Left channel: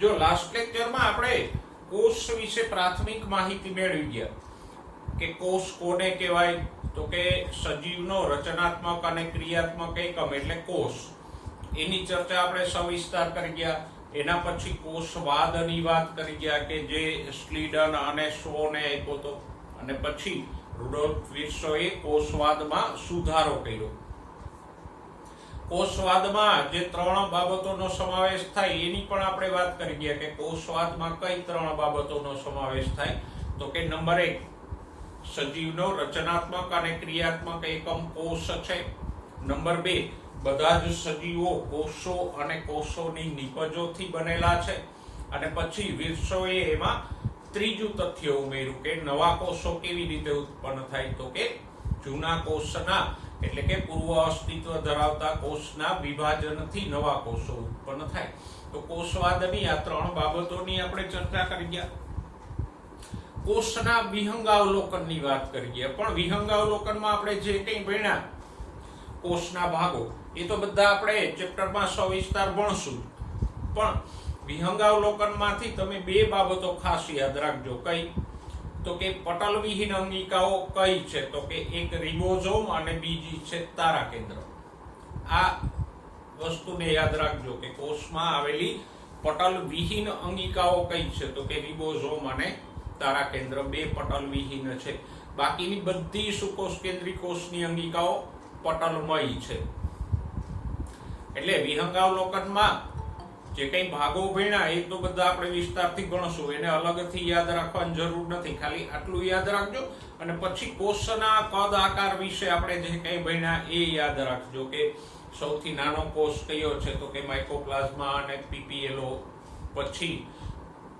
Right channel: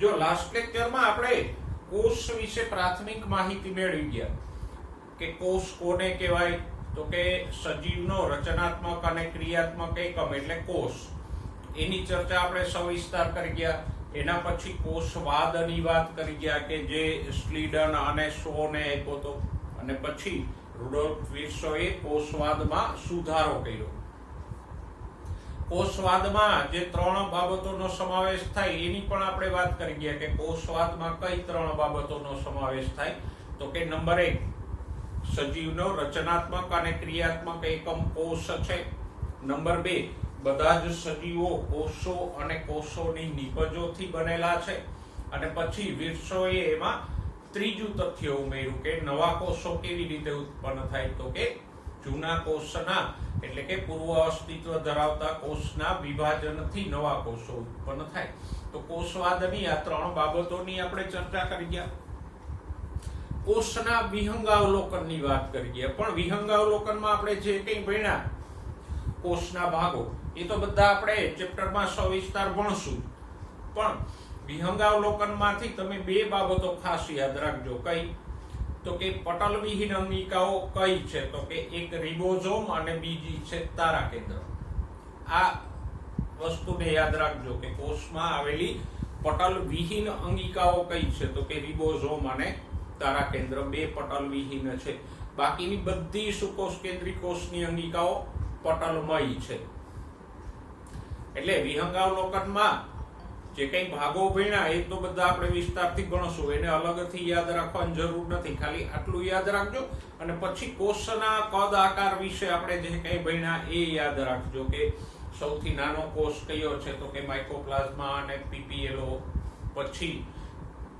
જો લાસ્ટ લેક્ચરમાં આપણે કોષ વિશે પ્રાથમિક માહિતી મેળવી ગયા કે કોષ કોને કહેવાય, તો કે સજીવનો રચનાત્મક અને ક્રિયાત્મક એકમ એટલે કોષ. એની ચર્ચા આપણે સવિસ્તાર કરી ગયા. એના પછી કોષવાદની વાત કરી ગયા કે જે સ્લીડન અને શોને આપ્યો હતો, અને પછી રુડોલ્ફ વિર્સોએ કોષવાદમાં સુધારો કર્યો. કોષવાદમાં જે 3 બાબતોનો સમાવેશ થાય એની પણ આપણે વાત કરી ગયા કે કોષવાદમાં કઈ 3 બાબતોનો સમાવેશ થાય, તો કે નંબર 1, સજીવનો રચનાત્મક અને ક્રિયાત્મક એકમ કોષ છે. નંબર 2, બધા જ સજીવો કોષો અને કોષોની નિપજોથી બનેલા છે. અને પછી વિર્સોએ એમાં ત્રીજું તથ્ય ઉમેર્યું કે નવા કોષો કેવી રીતે ઉત્પન્ન થાય, તો કે જૂના કોષના એટલે કે પૂર્વ અસ્તિત્વ ધરાવતા કોષના વિભાજનથી નવા કોષો ઉત્પન્ન થાય. તો કોષવાદની આ 3 બાબતોની આપણે ચર્ચા કરી ગયા. કોષના વિહંગાવલોકનની વાત કરી ગયા, પણ વિહંગાવલોકનમાં આપણે જે કંઈ ભણ્યા કોષના ભાગો એ તો બધા આપણે ચેપ્ટરમાં સવિસ્તાર ભણશું. પણ વિહંગાવલોકનમાંથી તમે 2 બાબતો ખાસ યાદ રાખજો. કઈ? તો કે પટલવિહીન અંગિકાઓ કઈ છે, તો કે એક રિબોઝોમ અને બીજી છે તારાકેન્દ્ર. આ વસ્તુને યાદ રાખજો કે કોષમાં આવેલી પટલવિહીન અંગિકાઓ કઈ છે, તો કે રિબોઝોમ અને તારાકેન્દ્ર 2 પટલવિહીન છે. બાકીની બધી સુકોષ કેન્દ્રી કોષની અંગિકાઓ પટલમય છે. એટલે વિહંગાવલોકનમાં જે કઈ ભાગો ભણ્યા એ તો બધા આપણે વિસ્તારથી ગણશું, એને અલગથી યાદ રાખવાની જરૂર નથી. ખાલી આટલું યાદ રાખજો અને પછી કોષના કદ આકાર વિશે આપણે જે કઈ ભણ્યા એ યાદ રાખજો કે સૌથી નાનો કોષ કયો છે, તો કે માઇકોપ્લાઝમા અને પીપીએલઓ. પછી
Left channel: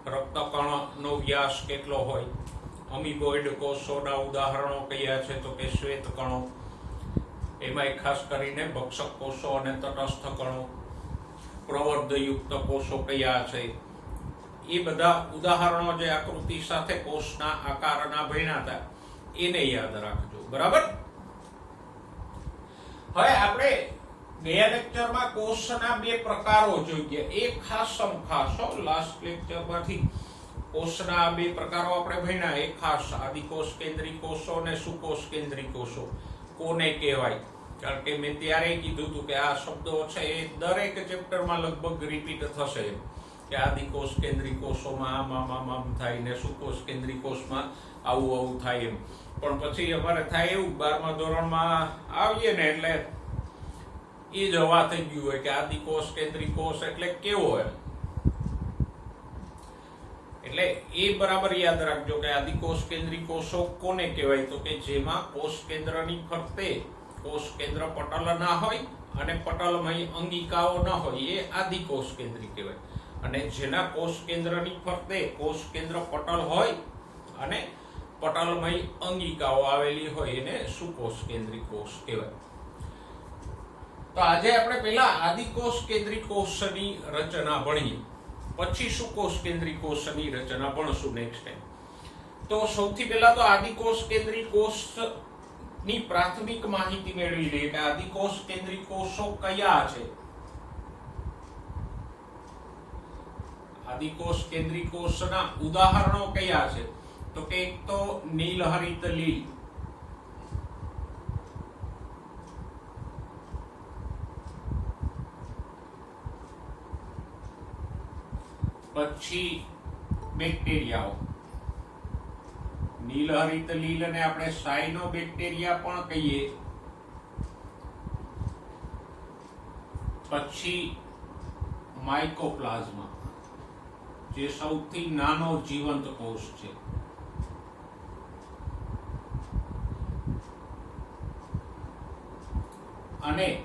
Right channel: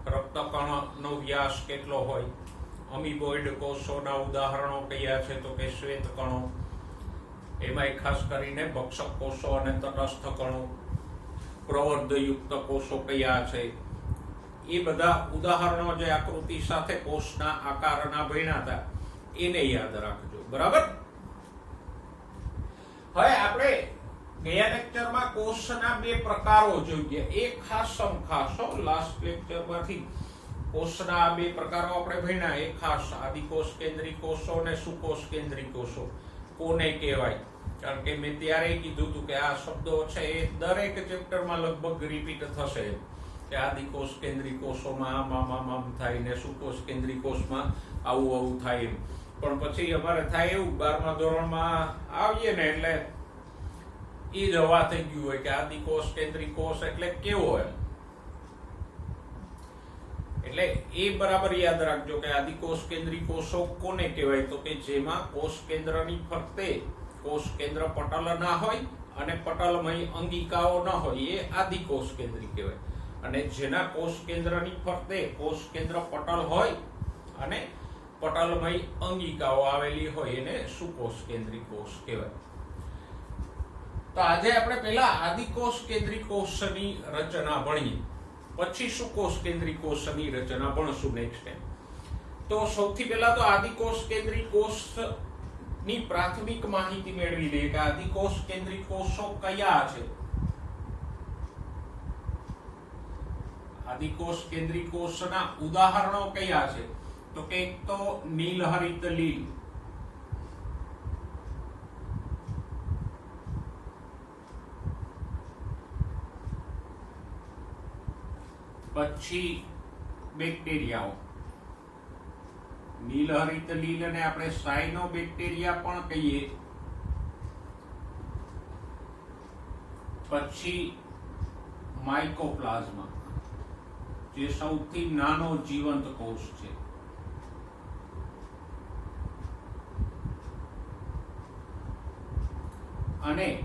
રક્તકણનો વ્યાસ કેટલો હોય, અમીબોઇડ કોષોના ઉદાહરણો કયા છે, તો કે શ્વેત કણો, એમાં ખાસ કરીને ભક્ષક કોષો અને તટસ્થ કણો, પ્રવર્ધયુક્ત કોષો કયા છે, એ બધા ઉદાહરણો જે આકૃતિ સાથે કોષના આકારના ભણ્યા હતા એને યાદ રાખજો. બરાબર? હવે આપણે ગયા લેક્ચરમાં કોષના 2 પ્રકારો જોઈએ. એક ખાસ લાસ્ટ લેક્ચરમાંથી કોષના 2 પ્રકારો આપણે ભણ્યા. એક ખાસ આદિકોષ કેન્દ્રી કોષો અને સુકોષ કેન્દ્રી કોષો કોને કહેવાય. કારણ કે મેં ત્યારે કીધું હતું કે આ શબ્દો છે એ દરેક ચેપ્ટરમાં લગભગ રિપીટ થશે કે આદિકોષ કેન્દ્રી કોષોમાં આમ થાય ને સુકોષ કેન્દ્રી કોષમાં આવું થાય એમ. પણ પછી અમારે થાય એવું 12મા ધોરણમાં આવીએ ને એટલે એ જ હવા થઈ ગયું હોય કે આદિકોષ કેન્દ્રી કોષ એટલે કેવો એમ. એટલે એ બરાબર યાદ રાખજો કે આદિકોષ કેન્દ્રી કોષો કોને કહેવાય, તો કે જેમાં કોષ કેન્દ્રની ફરતે કોષ કેન્દ્ર પટલ ના હોય અને પટલમય અંગિકાઓ ન હોય એ આદિકોષ કેન્દ્રી કહેવાય. અને જેના કોષ કેન્દ્રની ફરતે કોષ કેન્દ્ર પટલ હોય અને પટલમય અંગિકાઓ આવેલી હોય એને સુકોષ કેન્દ્રી કોષ કહેવાય. તો આજે આપણે પહેલા આદિકોષ કેન્દ્રી કોષની રચના ભણીએ, પછી સુકોષ કેન્દ્રી કોષની રચના ભણશું નેક્સ્ટ ટાઈમ. તો સૌથી પહેલા તો આદિકોષ કેન્દ્રી કોષની પ્રાથમિક માહિતી મેળવી લઈએ કે આદિકોષ કેન્દ્રી કોષો કયા છે. આદિકોષ કેન્દ્રી કોષના ઉદાહરણો કયા છે, તો કે એક તો નીલહરિત લીલ, પછી બેક્ટેરિયાઓ. નીલહરિત લીલને આપણે સાયનોબેક્ટેરિયા પણ કહીએ. પછી માઇકોપ્લાઝમા જે સૌથી નાનો જીવંત કોષ છે. અને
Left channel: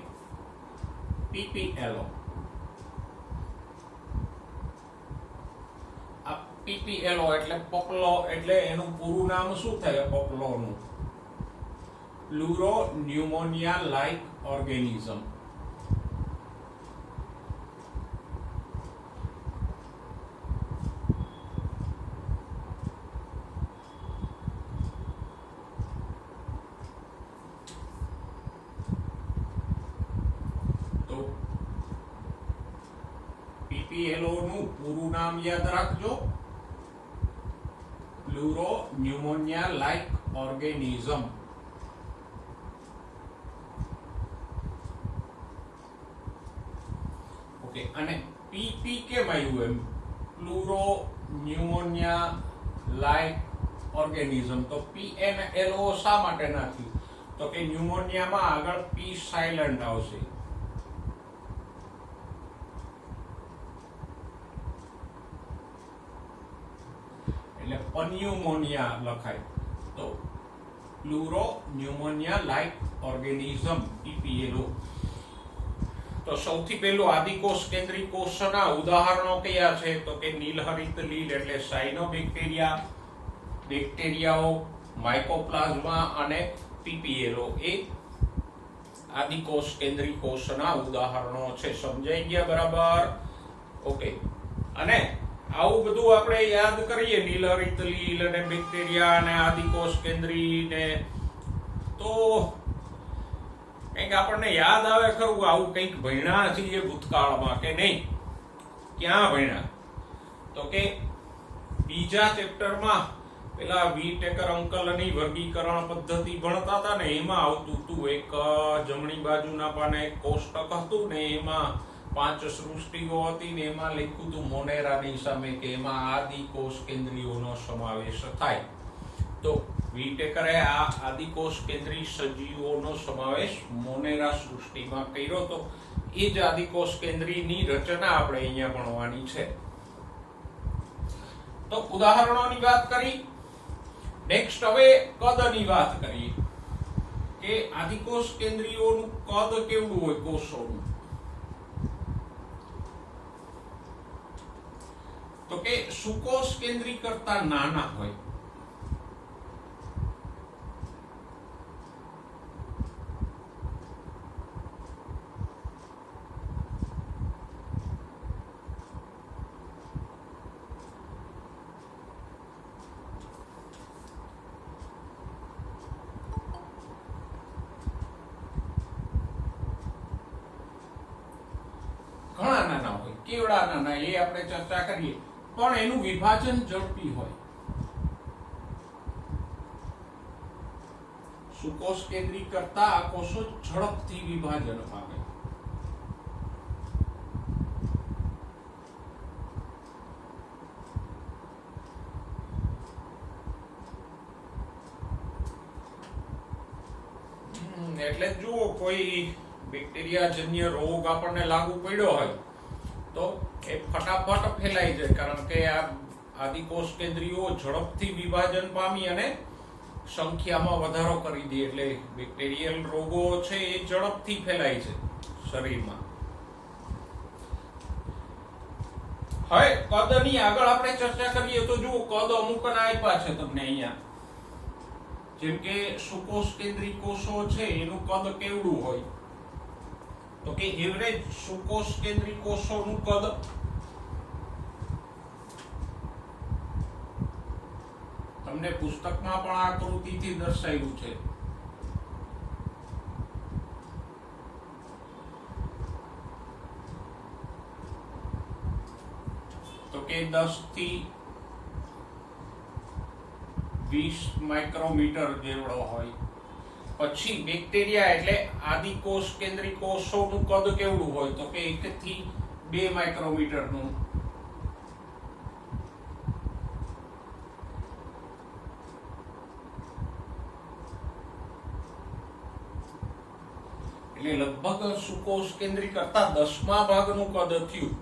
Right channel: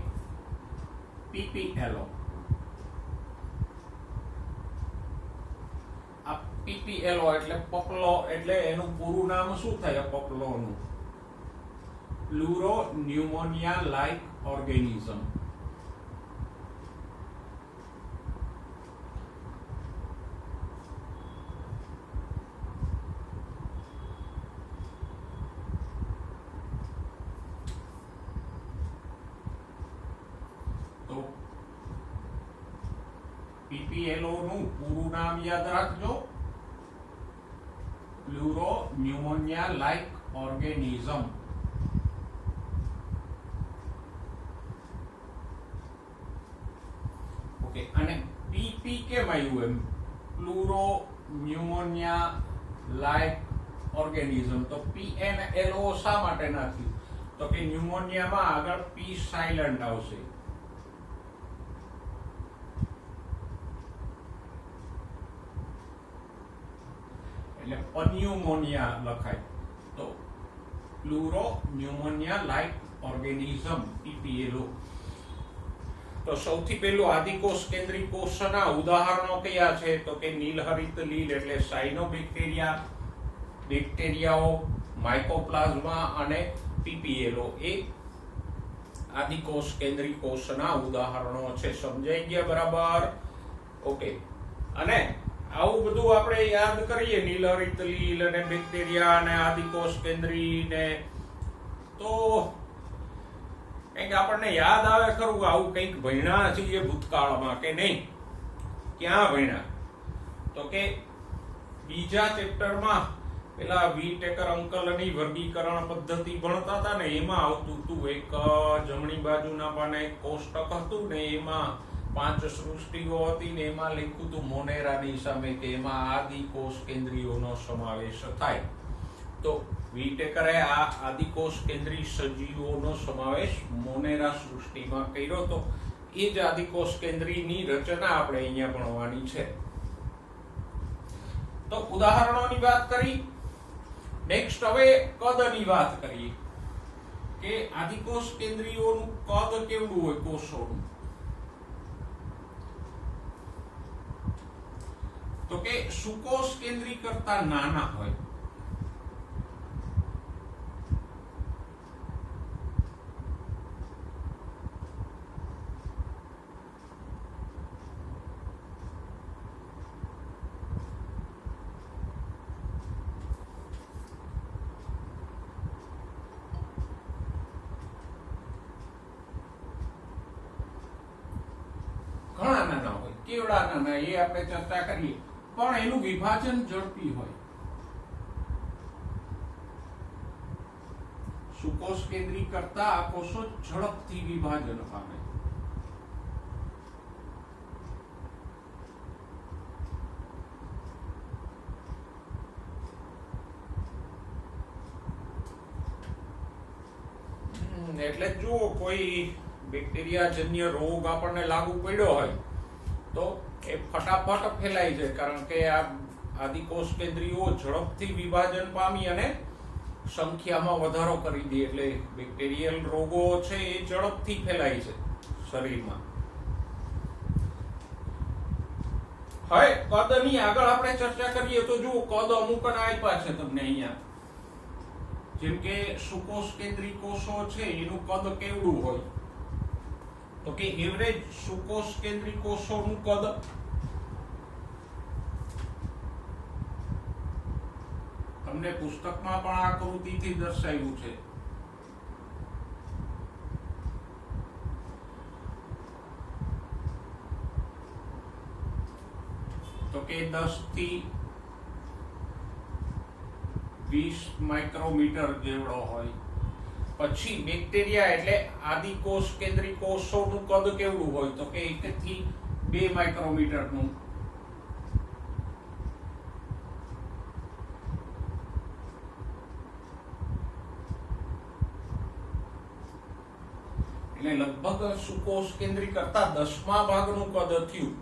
પીપીએલઓ. પીપીએલઓ એટલે પપલો, એટલે એનું પૂરું નામ શું થાય પપલોનું? પ્લુરો ન્યુમોનિયા લાઇક ઓર્ગેનિઝમ. પીપીએલઓ નું પૂરું નામ યાદ રાખજો, પ્લુરો ન્યુમોનિયા લાઇક ઓર્ગેનિઝમ. ઓકે, અને પીપી કેમ આવ્યું એમ? પ્લુરો ન્યુમોનિયા લાઇક ઓર્ગેનિઝમ. તો પીએનએલઓ શા માટે નાખ્યું? તો કે ન્યુમોનિયામાં આગળ પી સાયલન્ટ આવશે, એટલે પન્યુમોનિયા લખાય. તો પ્લુરો ન્યુમોનિયા લાઇક ઓર્ગેનિઝમ પીપીએલઓ. તો સૌથી પહેલું આદિકોષ કેન્દ્રી કોષના ઉદાહરણો કયા છે? તો કે નીલહરિત લીલ એટલે સાયનોબેક્ટેરિયા, બેક્ટેરિયાઓ, માઇકોપ્લાઝ્મા અને પીપીએલઓ એ આદિકોષ કેન્દ્રી કોષના ઉદાહરણો છે. સમજાઈ ગયા બરાબર? ઓકે. અને આવું બધું આપણે યાદ કરીએ, નીલહરિત લીલ અને બેક્ટેરિયા અને આદિકોષ કેન્દ્રી ને, તો કંઈક આપણને યાદ આવે ખરું આવું કંઈક ભણ્યા છીએ ભૂતકાળમાં કે નહીં? ક્યાં ભણ્યા? તો કે બીજા ચેપ્ટરમાં પેલા વીટેકર અંકલની વર્ગીકરણ પદ્ધતિ ભણતા હતા ને, એમાં આવતું હતું એક જમણી બાજુના પાને એક કોષ્ટક હતું ને, એમાં 5 સૃષ્ટિઓ હતી ને, એમાં લખ્યું હતું મોનેરાની સામે કે એમાં આદિકોષ કેન્દ્રીયોનો સમાવેશ થાય. તો વીટેકરે આ આદિકોષ કેન્દ્રી સજીવોનો સમાવેશ મોનેરા સૃષ્ટિમાં કર્યો તો એ જ આદિકોષ કેન્દ્રીની રચના આપણે અહીંયા ભણવાની છે. તો ઉદાહરણોની વાત કરી. નેક્સ્ટ હવે કદની વાત કરીએ કે આદિકોષ કેન્દ્રીયોનું કદ કેવડું હોય કોષોનું? તો કે સુકોષ કેન્દ્રી કરતા નાના હોય. ઘણા નાના હોય. કેવડા નાના એ આપણે ચર્ચા કરીએ, પણ એનું વિભાજન ઝડપી હોય. સુકોષ કેન્દ્રી કરતા આ કોષો ઝડપથી વિભાજન પામે. એટલે જુઓ, કોઈ બેક્ટેરિયાજન્ય રોગ આપણને લાગુ પડ્યો હોય તો એ ફટાફટ ફેલાઈ જાય, કારણ કે આ આદિકોષ કેન્દ્રીઓ ઝડપથી વિભાજન પામી અને સંખ્યામાં વધારો કરી દે, એટલે બેક્ટેરિયલ રોગો છે એ ઝડપથી ફેલાય છે શરીરમાં. હવે કદની આગળ આપણે ચર્ચા કરીએ તો જુઓ, કદ અમુક આપ્યા છે તમને અહીંયા. જેમ કે સુકોષ કેન્દ્રી કોષો છે એનું કદ કેવડું હોય? તો કે એવરેજ સુકોષ કેન્દ્રી કોષોનું કદ તમને પુસ્તકમાં પણ આકૃતિથી દર્શાવ્યું છે. તો કે 10 થી 20 માઇક્રોમીટર જેવડો હોય. પછી બેક્ટેરિયા એટલે આદિકોષ કેન્દ્રી કોષોનું કદ કેવડું હોય? તો કે 1 થી 2 માઇક્રોમીટરનું. એટલે લગભગ સુકોષ કેન્દ્રી કરતા 10મા ભાગનું કદ થયું.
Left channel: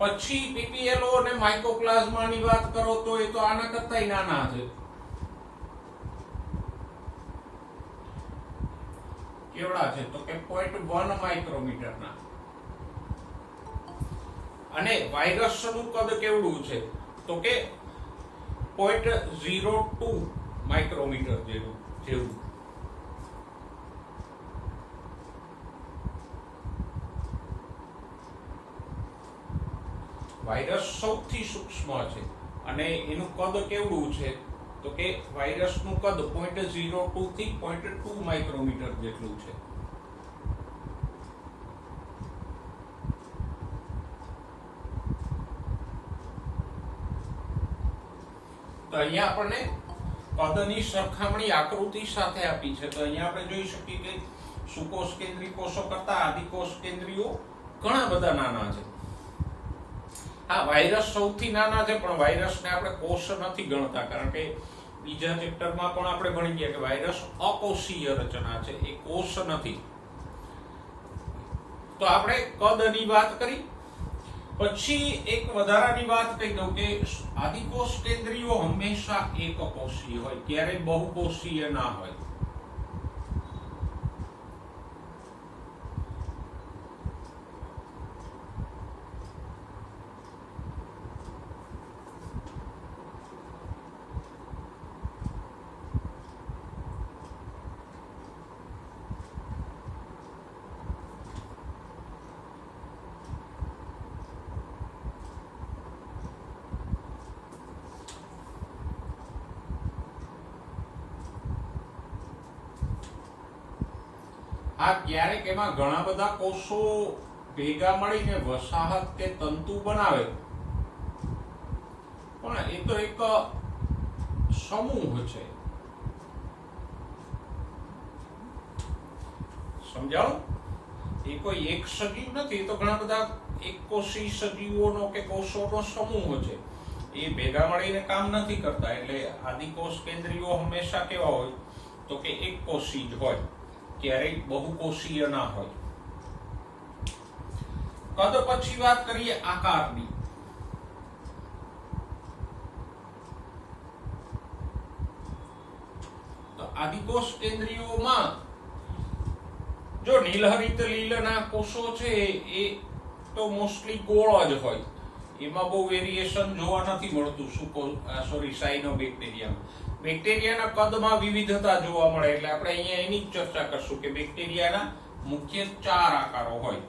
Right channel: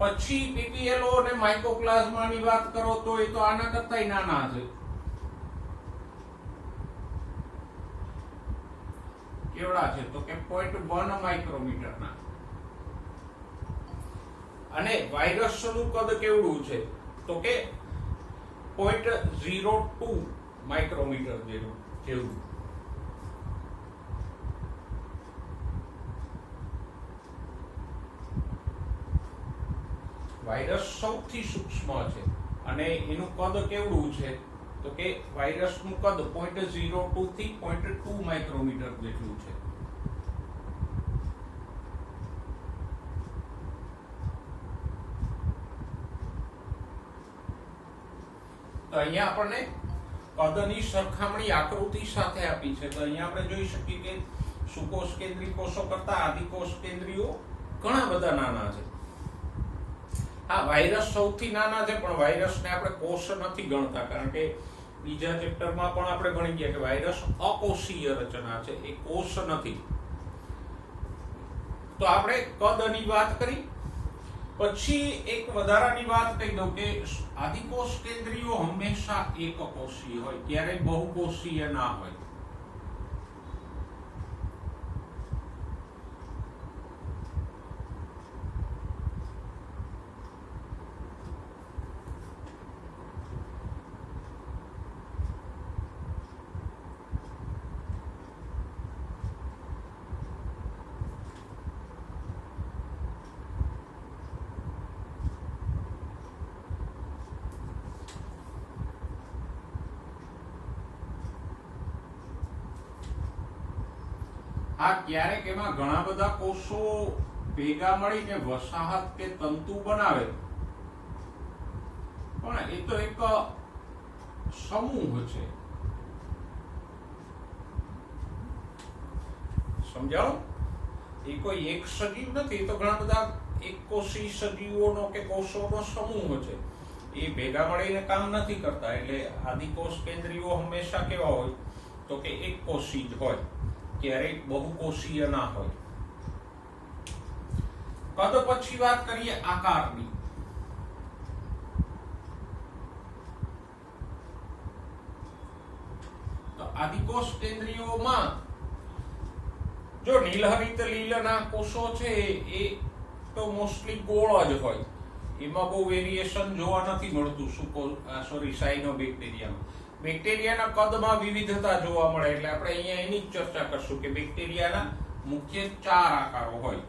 પછી પીપીએલઓ અને માઇકોપ્લાઝમાની વાત કરો તો એ તો આના કરતાય નાના છે. કેવડા છે? તો કે 0.1 માઇક્રોમીટરના. અને વાયરસનું કદ કેવડું છે? તો કે 0.02 માઇક્રોમીટર જેવું. વાયરસ સૌથી સૂક્ષ્મ છે અને એનું કદ કેવડું છે? તો કે વાયરસનું કદ 0.02 થી 0.2 માઇક્રોમીટર જેટલું છે. તો અહીંયા આપણને કદની સરખામણી આકૃતિ સાથે આપી છે. તો અહીંયા આપણે જોઈ શકીએ કે સુકોષ કેન્દ્રી કોષો કરતા આદિકોષ કેન્દ્રીઓ ઘણા બધા નાના છે. હા, વાયરસ સૌથી નાના છે, પણ વાયરસને આપણે કોષ નથી ગણતા, કારણ કે બીજા ચેપ્ટરમાં પણ આપણે ભણી ગયા કે વાયરસ અકોષીય રચના છે, એ કોષ નથી. તો આપણે કદની વાત કરી. પછી એક વધારાની વાત કહી દઉં કે આદિકોષ કેન્દ્રીઓ હંમેશા એકકોષીય હોય, ક્યારેય બહુકોષીય ના હોય. આ ક્યારેક એમાં ઘણા બધા કોષો ભેગા મળીને વસાહત કે તંતુ બનાવે, પણ એ તો એક સમૂહ છે. સમજાવું? એ કોઈ એક સજીવ નથી, તો ઘણા બધા એકકોષી સજીવોનો કે કોષોનો સમૂહ છે. એ ભેગા મળીને કામ નથી કરતા. એટલે આદિકોષ કેન્દ્રીઓ હંમેશા કેવા હોય તો કે એકકોષી જ હોય, ક્યારેય બહુકોષીય ના હોય. કદ પછી વાત કરીએ આકારની. તો આદિકોષ કેન્દ્રીયોમાં જો નીલહરિત લીલના કોષો છે એ તો મોસ્ટલી ગોળ જ હોય, એમાં બહુ વેરિએશન જોવા નથી મળતું. સાયનોબેક્ટેરિયામાં બેક્ટેરિયાના કદમાં વિવિધતા જોવા મળે. એટલે આપણે અહીંયા એની જ ચર્ચા કરશું કે બેક્ટેરિયાના મુખ્ય 4 આકારો હોય.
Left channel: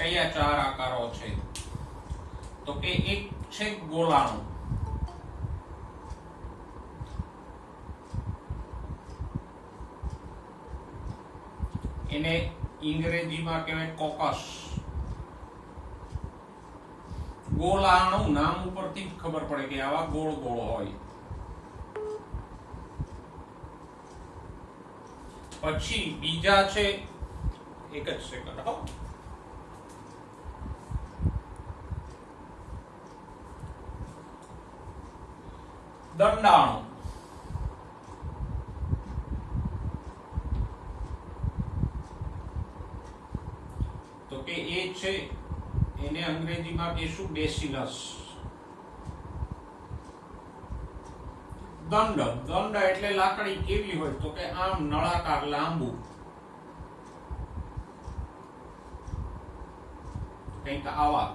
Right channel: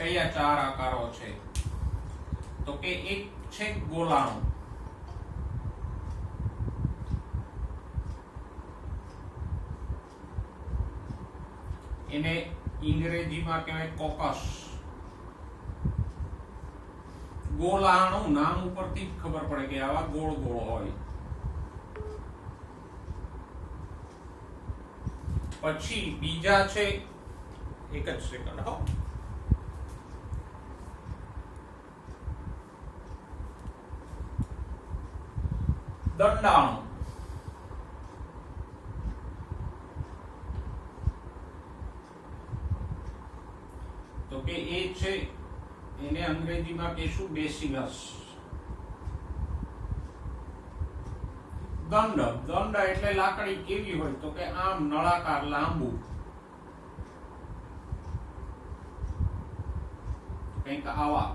કયા 4 આકારો છે? તો કે એક છે ગોલાણુ, એને અંગ્રેજીમાં કહેવાય કોકસ. ગોલાણુ નામ ઉપરથી જ ખબર પડે કે આવા ગોળ ગોળ હોય. પછી બીજા છે, એક જ સેકન્ડ હો, દંડાણુ. તો કે એ છે, એને અંગ્રેજીમાં કહીશું બેસિલસ. દંડ એટલે લાકડી કેવી હોય તો કે આમ નળાકાર લાંબુ, કંઈક આવા.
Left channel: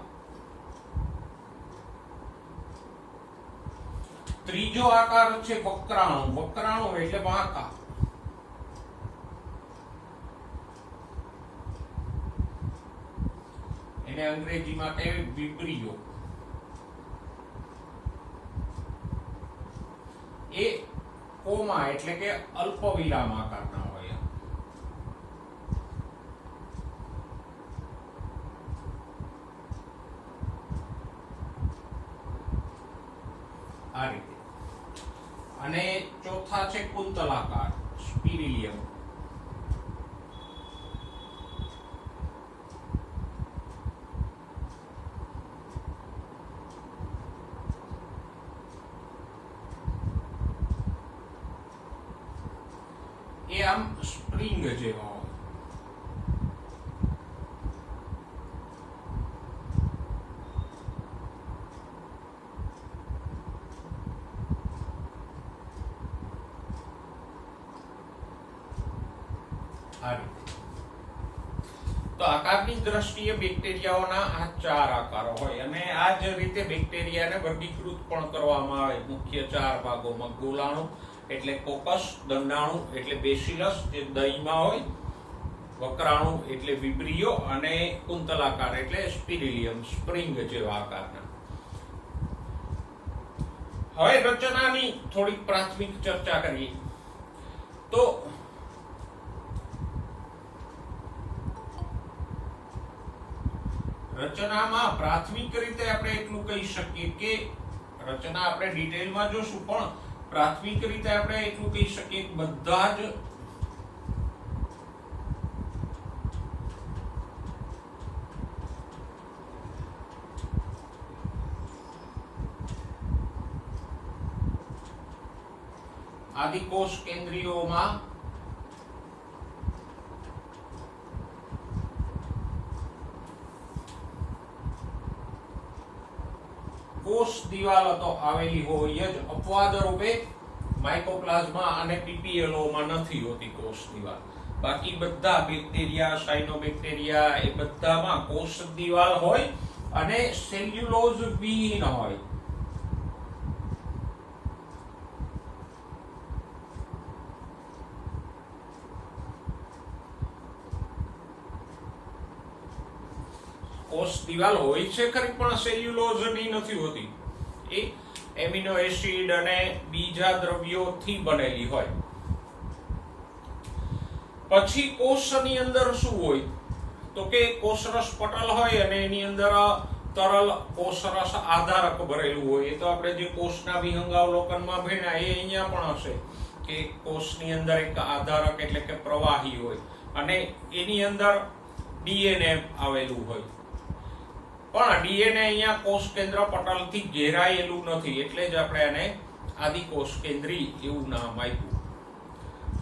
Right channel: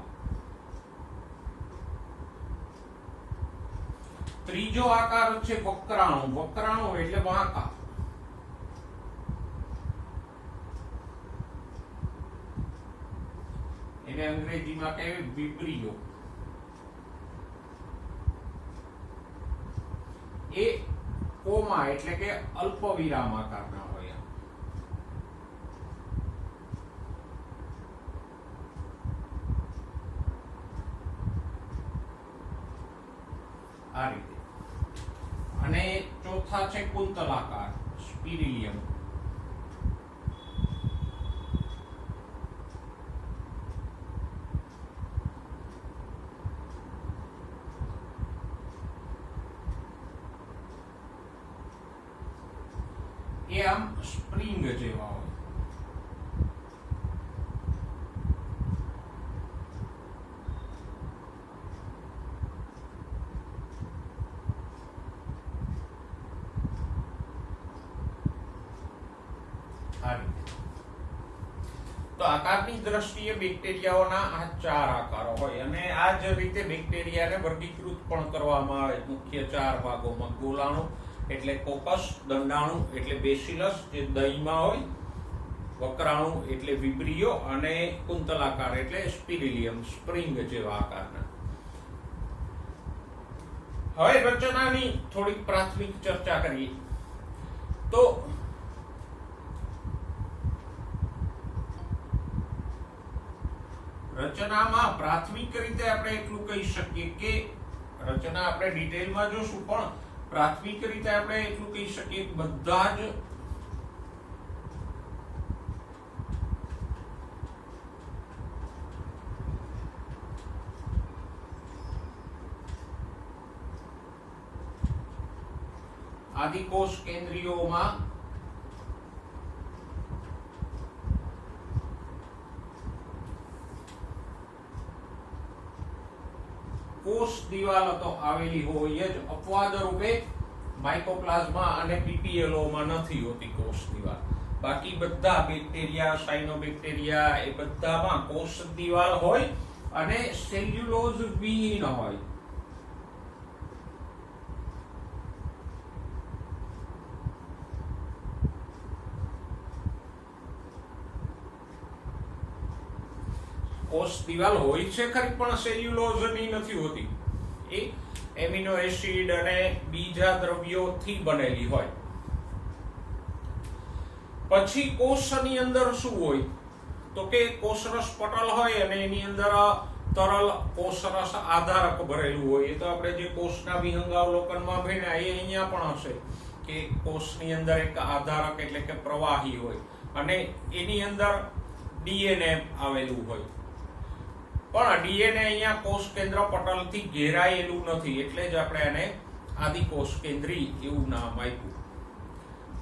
ત્રીજો આકાર છે વક્રાણુ. વક્રાણુ એટલે વાંકા. એને અંગ્રેજીમાં કહેવાય વિબ્રિયો. એ કોમા એટલે કે અલ્પ વિરામ આકારના હોય. આ રીતે. અને ચોથા છે કુંતલાકાર, સ્પિરિલિયમ. એ આમ સ્પ્રિંગ જેવા હોય. તો આકારની દ્રષ્ટિએ બેક્ટેરિયાઓના આ 4 આકારો હોય, અને આ જ રીતે બેક્ટેરિયાને વર્ગીકૃત પણ કરવામાં આવે મુખ્ય 4 ભાગોમાં. ગોલાણુ એટલે કોકસ, દંડાણુ એટલે બેસિલસ જે દહીંમાં હોય, વક્રાણુ એટલે વિબ્રિયો અને કુંતલાકાર એટલે સ્પિરિલિયમ, સ્પ્રિંગ જેવા આકારના. હવે રચનાની થોડીક પ્રાથમિક ચર્ચા કરીએ તો રચનામાં પ્રાથમિક રીતે આપણે એટલું કહી શકીએ કે રચના આપણે ડિટેલમાં જોશું, પણ પ્રાથમિક રીતે આપણે એટલું કહી શકીએ કે બધા જ આદિકોષ કેન્દ્રીયોમાં કોષ દિવાલ તો આવેલી હોય જ, અપવાદ રૂપે માઇકોપ્લાઝ્મા અને પીપીએલઓમાં નથી હોતી કોષ દિવાલ. બાકી બધા બેક્ટેરિયા, સાયનોબેક્ટેરિયા એ બધામાં કોષ દિવાલ હોય અને સેલ્યુલોઝ વિહીન હોય. કોષ દિવાલ હોય છે ખરી, પણ સેલ્યુલોઝની નથી હોતી. એ એમિનો એસિડ અને બીજા દ્રવ્યોથી બનેલી હોય. પછી કોષની અંદર શું હોય તો કે કોષરસ પટલ હોય અને એની અંદર તરલ કોષરસ આધારક ભરેલું હોય. એ તો આપણે જે કોષના વિહંગાવલોકનમાં ભણ્યા એ અહીંયા પણ હશે કે કોષની અંદર એક આધારક એટલે કે પ્રવાહી હોય અને એની અંદર ડીએનએ આવેલું હોય. પણ ડીએનએ અહીંયા કોષ કેન્દ્ર પટલથી ઘેરાયેલું નથી, એટલે જ આપણે એને આદિકોષ કેન્દ્રી એવું નામ આપ્યું.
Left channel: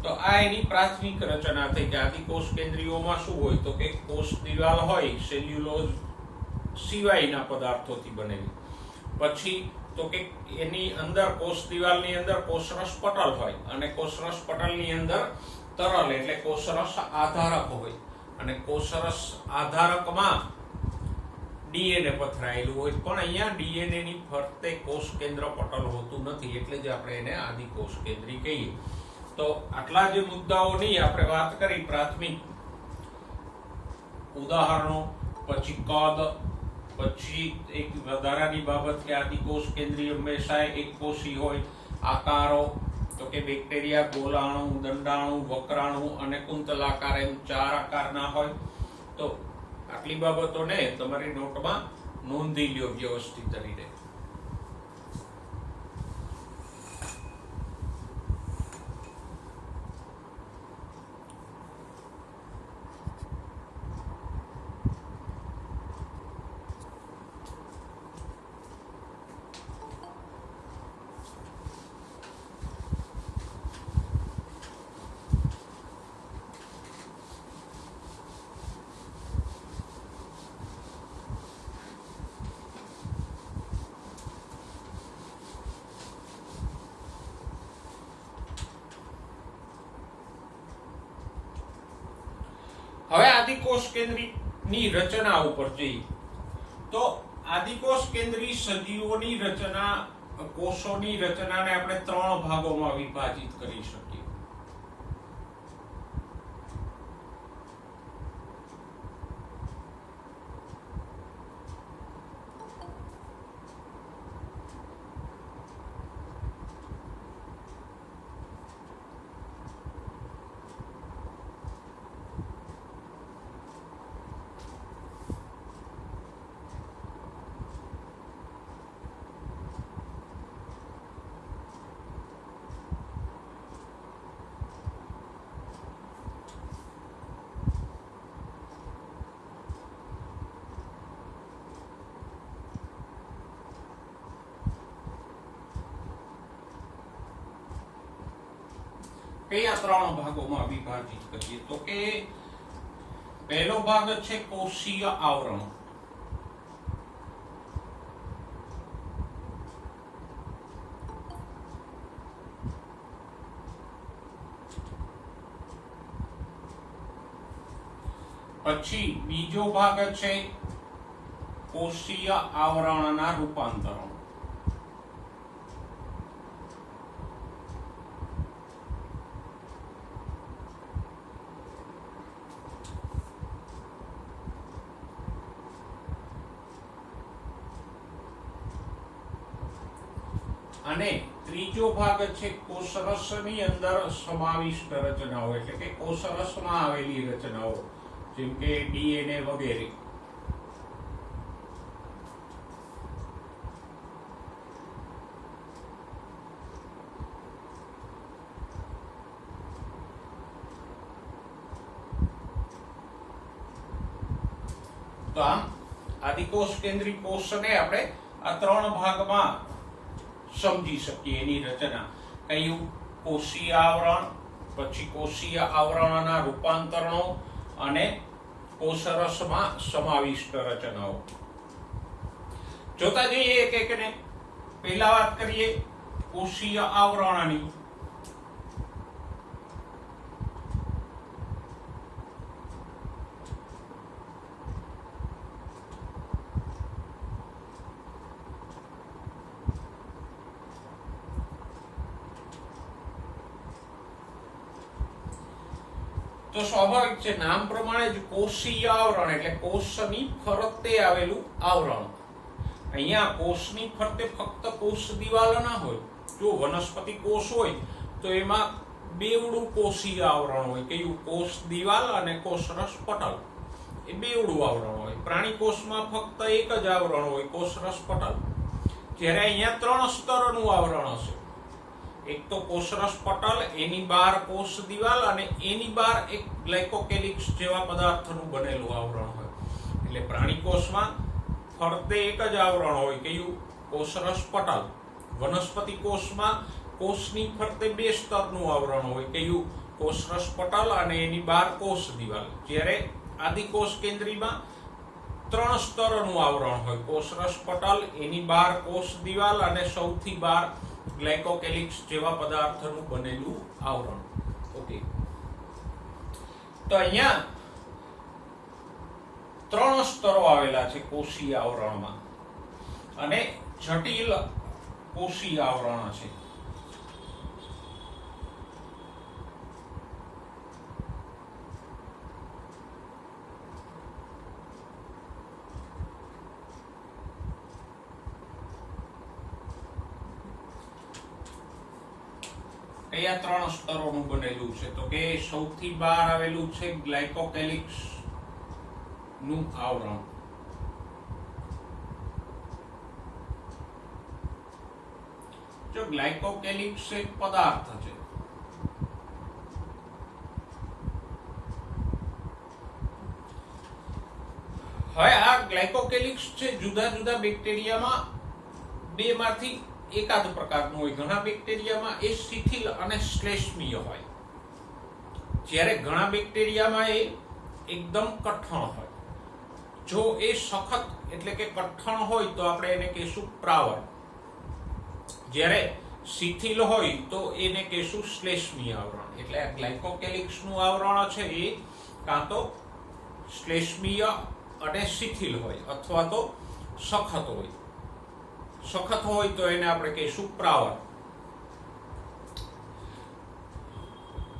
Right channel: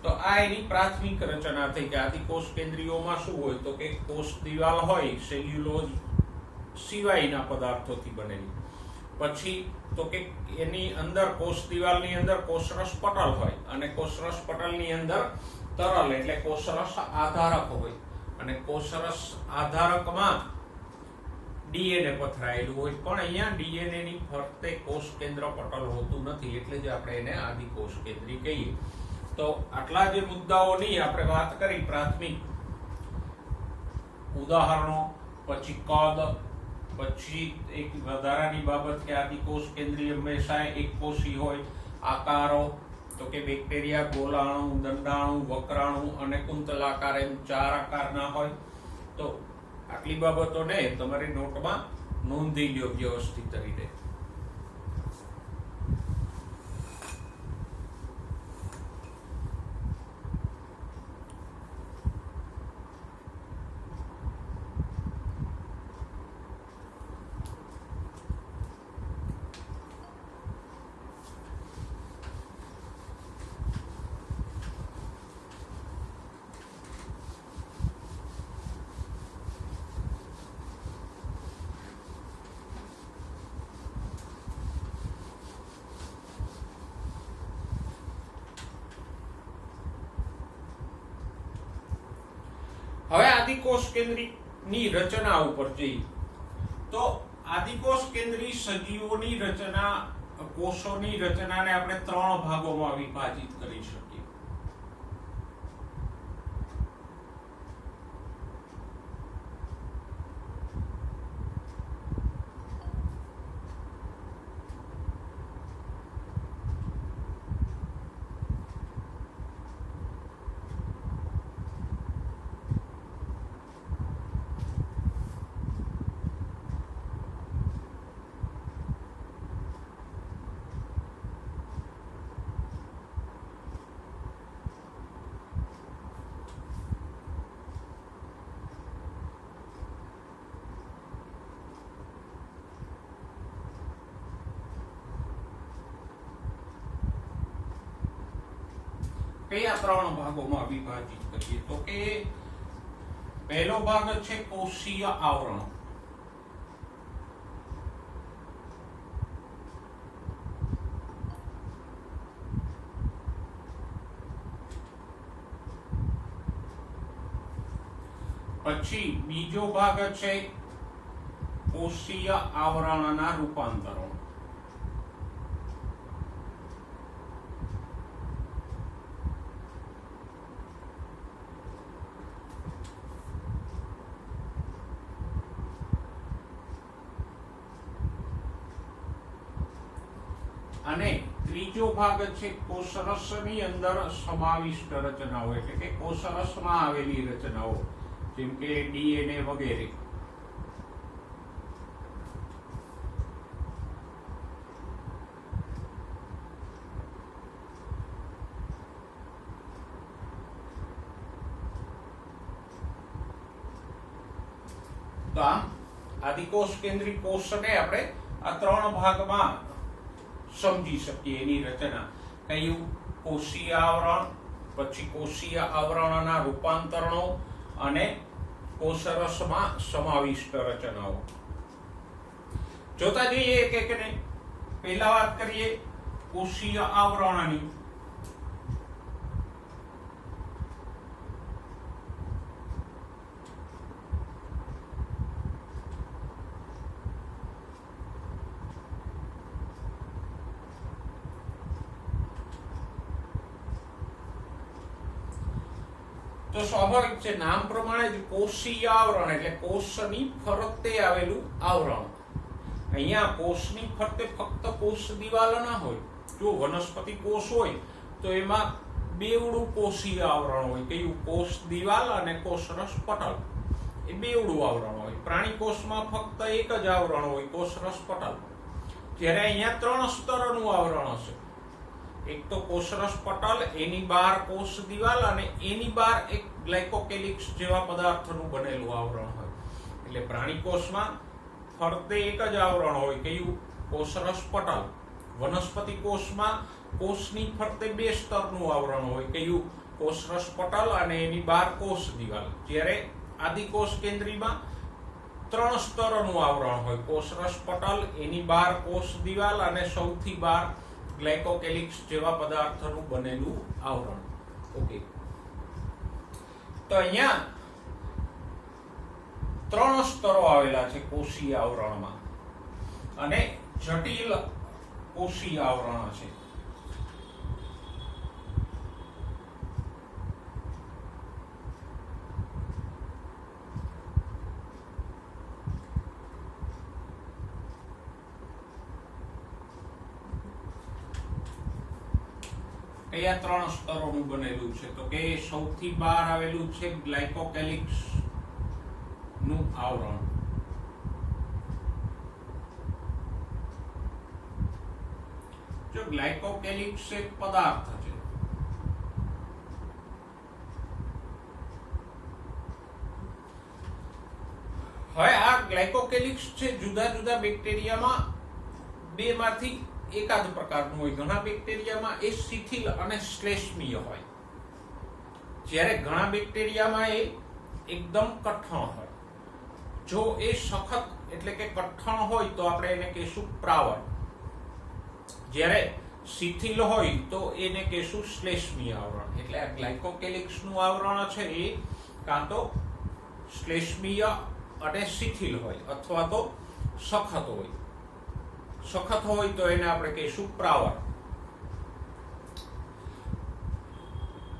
તો આ એની પ્રાથમિક રચના થઈ કે આદિકોષ કેન્દ્રીયોમાં શું હોય તો કે કોષ દિવાલ હોય સેલ્યુલોઝ સિવાયના પદાર્થોથી બનેલી. પછી તો કે એની અંદર કોષ દિવાલની અંદર કોષરસ પટલ હોય અને કોષરસ પટલની અંદર તરલ એટલે કોષરસ આધારક હોય અને કોષરસ આધારકમાં ડીએનએ પથરાયેલું હોય. પણ અહીંયા ડીએનએ ની ફરતે કોષ કેન્દ્ર પટલ હોતું નથી, એટલે જ આપણે એને આદિકોષ કેન્દ્રી કહીએ. તો આટલા જે મુદ્દાઓની આપણે વાત કરી પ્રાથમિક ઉદાહરણો, પછી કદ, પછી એક વધારાની બાબત કે આદિકોષ કેન્દ્રી હંમેશા એક કોષી હોય, આકારો તો કે બેક્ટેરિયા ગોલાણુ, દંડાણુ, વક્રાણુ અને કુંતલાકાર એમ 4 આકારના હોય. તો આટલી બાબતોને તમારી નોટમાં નોંધી લ્યો વ્યવસ્થિત રીતે. હવે આદિકોષ કેન્દ્રીની રચના ઉપર જઈએ તો આદિકોષ કેન્દ્રી સજીવોની રચના, કોષોની રચનાને આપણે 3 ભાગોમાં વિભાજિત કરી શકીએ. કયા 3 ભાગોમાં વિભાજિત કરીએ તો કે પહેલો ભાગ છે કોષીય આવરણ. પછી બીજો ભાગ છે કોષીય આવરણના રૂપાંતરણ. અને ત્રીજો ભાગ છે કોષરસની અંદર સમાવિષ્ટ રચનાઓ, એટલે કે કોષરસમાં આવેલી રચનાઓ, જેમ કે ડીએનએ વગેરે. તો આમ આદિકોષ કેન્દ્રી કોષને આપણે આ ત્રણ ભાગમાં સમજી શકીએ એની રચના. કયું? કોષીય આવરણ, પછી કોષીય આવરણના રૂપાંતરણો અને કોષરસમાં સમાવિષ્ટ રચનાઓ. જોતા જઈએ એક એકને. પહેલા વાત કરીએ કોષીય આવરણની. તો સ્વાભાવિક છે, નામ પ્રમાણે જ કોષીય આવરણ એટલે કોષની ફરતે આવેલું આવરણ. અહીંયા કોષની ફરતે ફક્ત કોષ દિવાલ ના હોય. જો વનસ્પતિ કોષ હોય તો એમાં બેવડું કોષીય આવરણ હોય. કયું? કોષ દિવાલ અને કોષરસ પટલ, એ બેવડું આવરણ હોય. પ્રાણી કોષમાં ફક્ત એક જ આવરણ હોય, કોષરસ પટલ. જ્યારે અહીંયા 3 સ્તરનું આવરણ હશે. એક તો કોષરસ પટલ, એની બહાર કોષ દિવાલ અને એની બહાર એક ગ્લાયકોકેલિક્સ જેવા પદાર્થનું બનેલું આવરણ હોય. એટલે પ્રાણી કોષમાં ફરતે એક જ આવરણ હોય. કયું? કોષરસ પટલ. વનસ્પતિ કોષમાં કોષની ફરતે 2 સ્તરનું આવરણ હોય. કયું? કોષરસ પટલ અને એની બહાર કોષ દિવાલ. જ્યારે આદિકોષ કેન્દ્રીમાં 3 સ્તરનું આવરણ હોય. કોષરસ પટલ, એની બહાર કોષ દિવાલ અને સૌથી બહાર ગ્લાયકોકેલિક્સ જેવા પદાર્થનું બનેલું આવરણ. ઓકે, તો અહીંયા 3 સ્તરો આવેલા છે કોષીય આવરણમાં અને જટિલ કોષીય આવરણ છે. કયા 3 સ્તરોનું બનેલું છે? તો કે સૌથી બહાર આવેલું છે ગ્લાયકોકેલિક્સ નું આવરણ. જો ગ્લાયકોકેલિક્સ એક પદાર્થ છે. હવે આ ગ્લાયકોકેલિક્સ છે જુદા જુદા બેક્ટેરિયામાં 2 માંથી એકાદ પ્રકારનું હોય. ઘણા બેક્ટેરિયામાં એ શિથિલ અને શ્લેષ્મીય હોય, જ્યારે ઘણા બેક્ટેરિયામાં એ એકદમ કઠણ હોય. જો એ સખત એટલે કે કઠણ હોય તો આપણે એને કહીશું પ્રાવર, જ્યારે શિથિલ હોય તો એને કહીશું શ્લેષ્મીય આવરણ. એટલે આ ગ્લાયકોકેલિક્સનું આવરણ છે એ કાં તો શ્લેષ્મીય અને શિથિલ હોય અથવા તો સખત હોય. સખત હોય તો એને આપણે કહીશું પ્રાવર.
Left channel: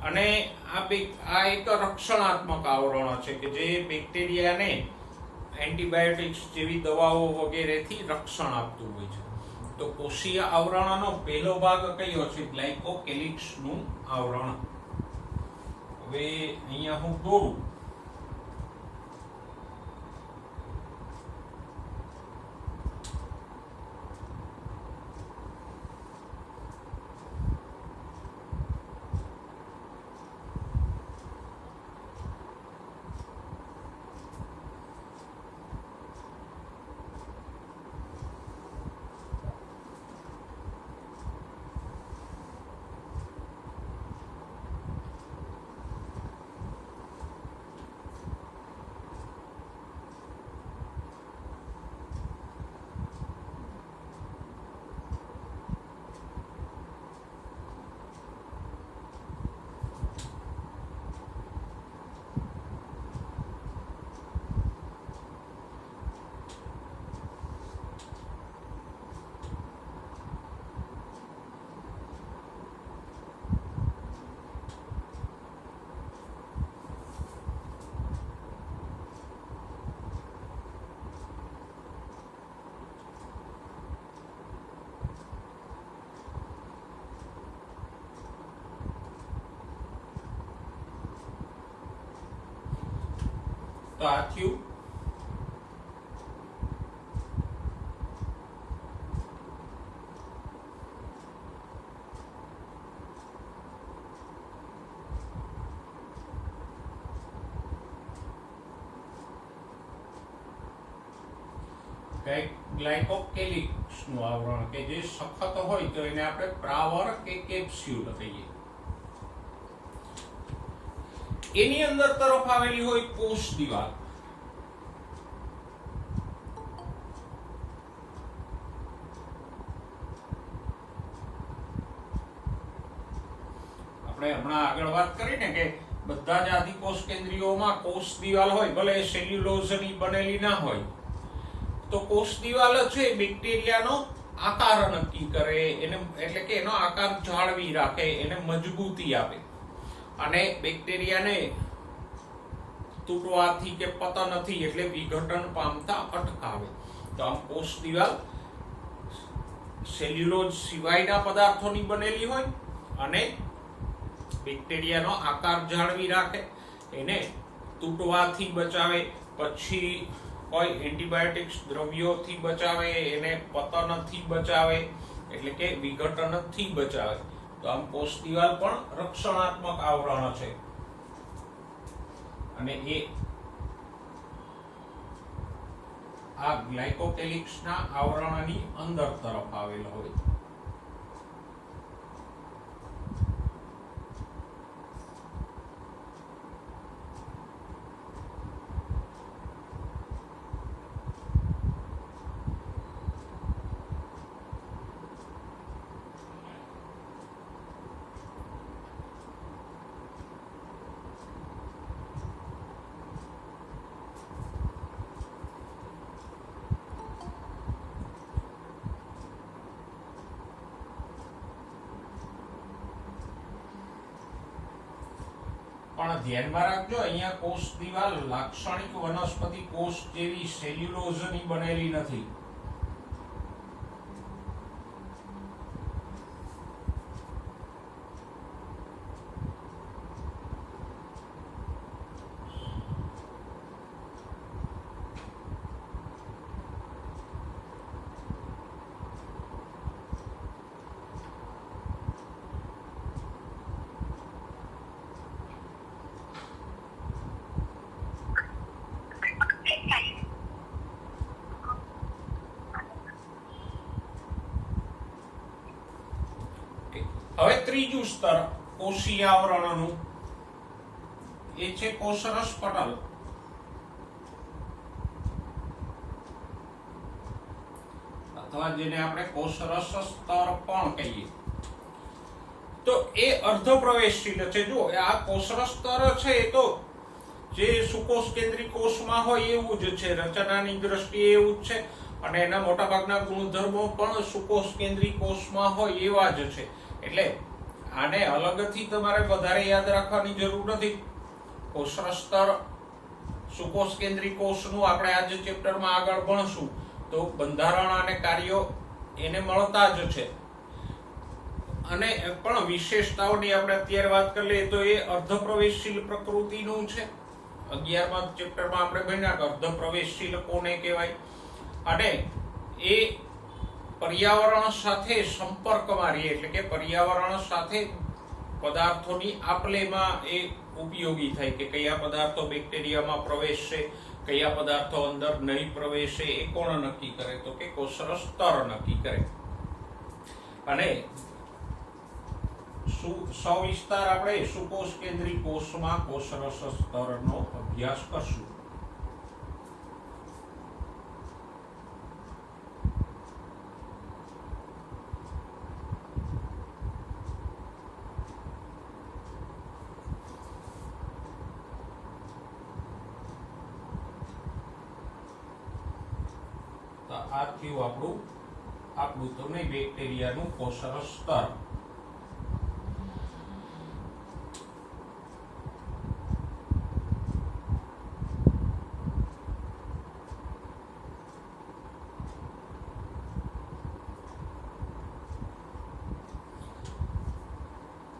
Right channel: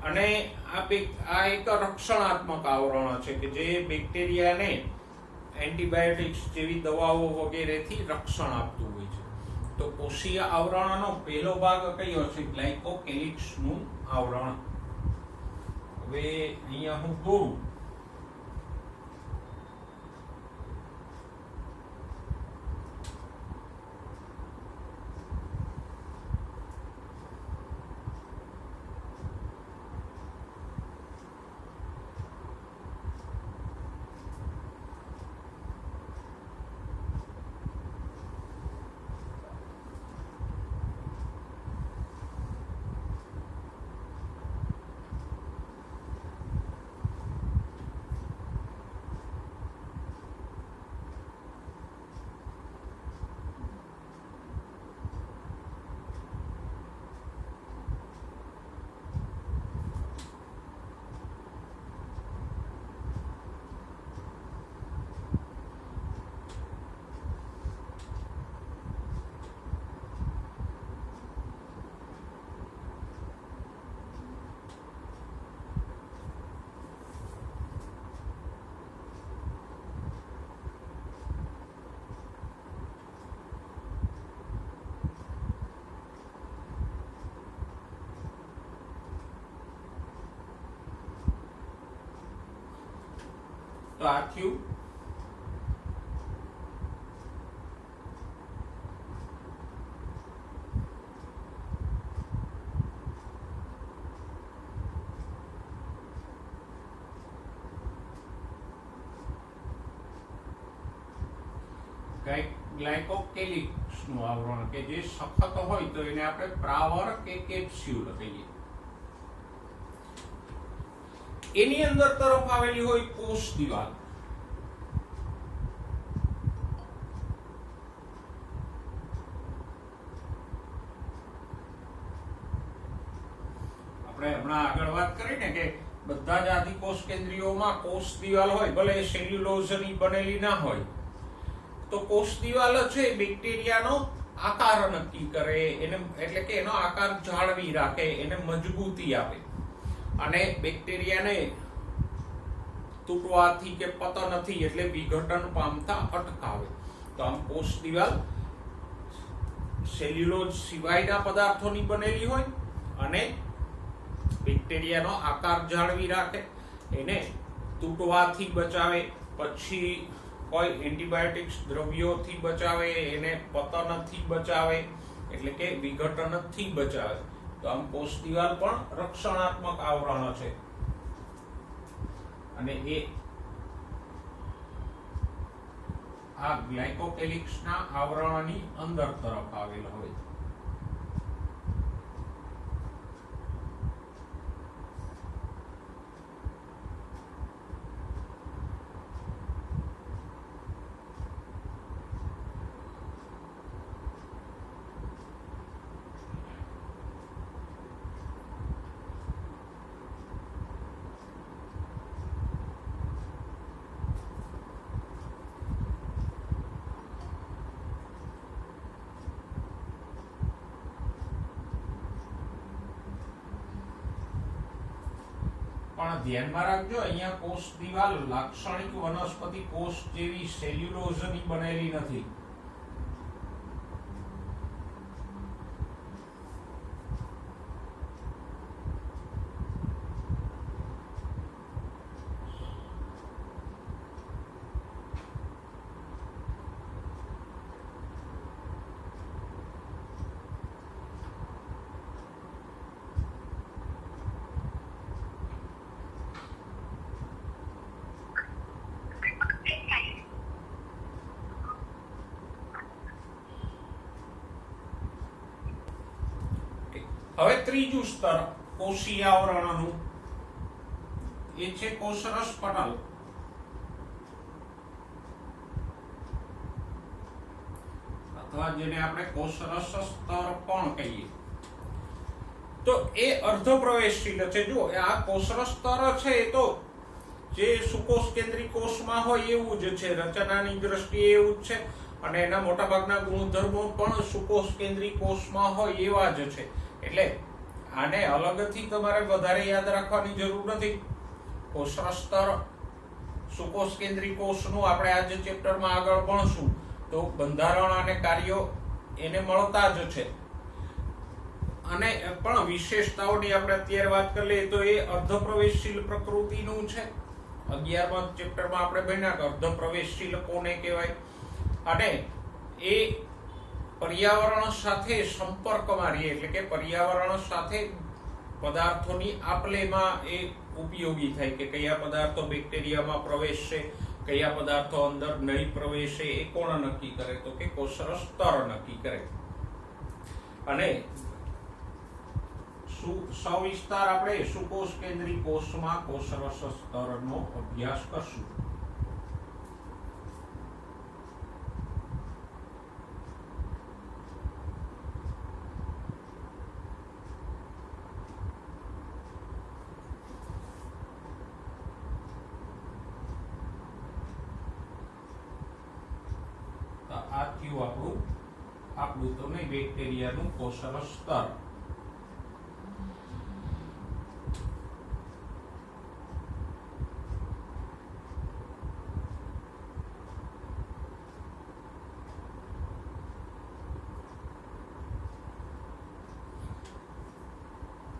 અને આ એક રક્ષણાત્મક આવરણ છે કે જે બેક્ટેરિયાને એન્ટીબાયોટિક્સ જેવી દવાઓ વગેરેથી રક્ષણ આપતું હોય છે. તો કોષીય આવરણનો પહેલો ભાગ કયો છે? ગ્લાયકોકેલિક્સનું આવરણ. હવે અહીંયા હું દોરું. તો આ થયું. ગ્લાયકોકેલિક્સ નું આવરણ કે જે સખત હોય તો એને આપણે પ્રાવર કે કેપ્સ્યુલ કહીએ. એની અંદર તરફ આવેલી હોય કોષ દિવાલ. આપણે હમણાં આગળ વાત કરી ને કે બધા જ આદિકોષ કેન્દ્રીયોમાં કોષ દિવાલ હોય, ભલે સેલ્યુલોઝની બનેલી ના હોય, તો કોષ દિવાલ છે બેક્ટેરિયાનો આકાર નક્કી કરે, એને એટલે કે એનો આકાર જાળવી રાખે, એને મજબૂતી આપે અને બેક્ટેરિયાને તૂટવાથી કે પતનથી એટલે વિઘટન પામતા અટકાવે. તો આમ કોષ દિવાલ સેલ્યુલોઝ સિવાયના પદાર્થોની બનેલી હોય અને બેક્ટેરિયાનો આકાર જાળવી રાખે, એને તૂટવાથી બચાવે, પછી કોઈ એન્ટીબાયોટિક્સ દ્રવ્યોથી બચાવે, એને પતનથી બચાવે એટલે કે વિઘટનથી બચાવે. તો આમ કોષ દિવાલ પણ રક્ષણાત્મક આવરણ છે અને એ આ ગ્લાયકોકેલિક્સના આવરણની અંદર તરફ આવેલો હોય. પણ ધ્યાનમાં રાખજો, અહીંયા કોષ દિવાલ લાક્ષણિક વનસ્પતિ કોષ જેવી સેલ્યુલોઝની બનેલી નથી. હવે ત્રીજું સ્તર કોષીય આવરણનું એ છે કોષરસ પટલ. અથવા જેને આપણે કોષરસ સ્તર પણ કહીએ. તો એ અર્ધપ્રવેશશીલ છે. જો આ કોષરસ સ્તર છે એ તો જે સુકોષ કેન્દ્રી કોષમાં હોય એવું જ છે, રચનાની દ્રષ્ટિએ એવું જ છે અને એના મોટાભાગના ગુણધર્મો પણ સુકોષ કેન્દ્રી કોષમાં હોય એવા જ છે. એટલે આને અલગથી તમારે વધારે યાદ રાખવાની જરૂર નથી. કોષરસ સ્તર સુકોષ કેન્દ્રી કોષનું આપણે આજે ચેપ્ટરમાં આગળ ભણશું તો બંધારણ અને કાર્યો એને મળતા જ છે. અને પણ વિશેષતાઓની આપણે અત્યારે વાત કરી લઈએ તો એ અર્ધપ્રવેશશીલ પ્રકૃતિનું છે. 11મા ચેપ્ટરમાં આપણે ભણ્યા કે અર્ધપ્રવેશશીલ કોને કહેવાય અને એ પર્યાવરણ સાથે સંપર્કમાં રહે એટલે કે પર્યાવરણ સાથે પદાર્થોની આપલેમાં એ ઉપયોગી થાય કે કયા પદાર્થો બેક્ટેરિયામાં પ્રવેશશે, કયા પદાર્થો અંદર નહીં પ્રવેશે, એ કોણ નક્કી કરે? તો કે કોષરસ સ્તર નક્કી કરે. અને સવિસ્તાર આપણે સુકોષ કેન્દ્રી કોષમાં કોષરસ સ્તરનો અભ્યાસ કરશું. આ થયું આપણું તો નહીં બેક્ટેરિયાનું કોષરસ સ્તર.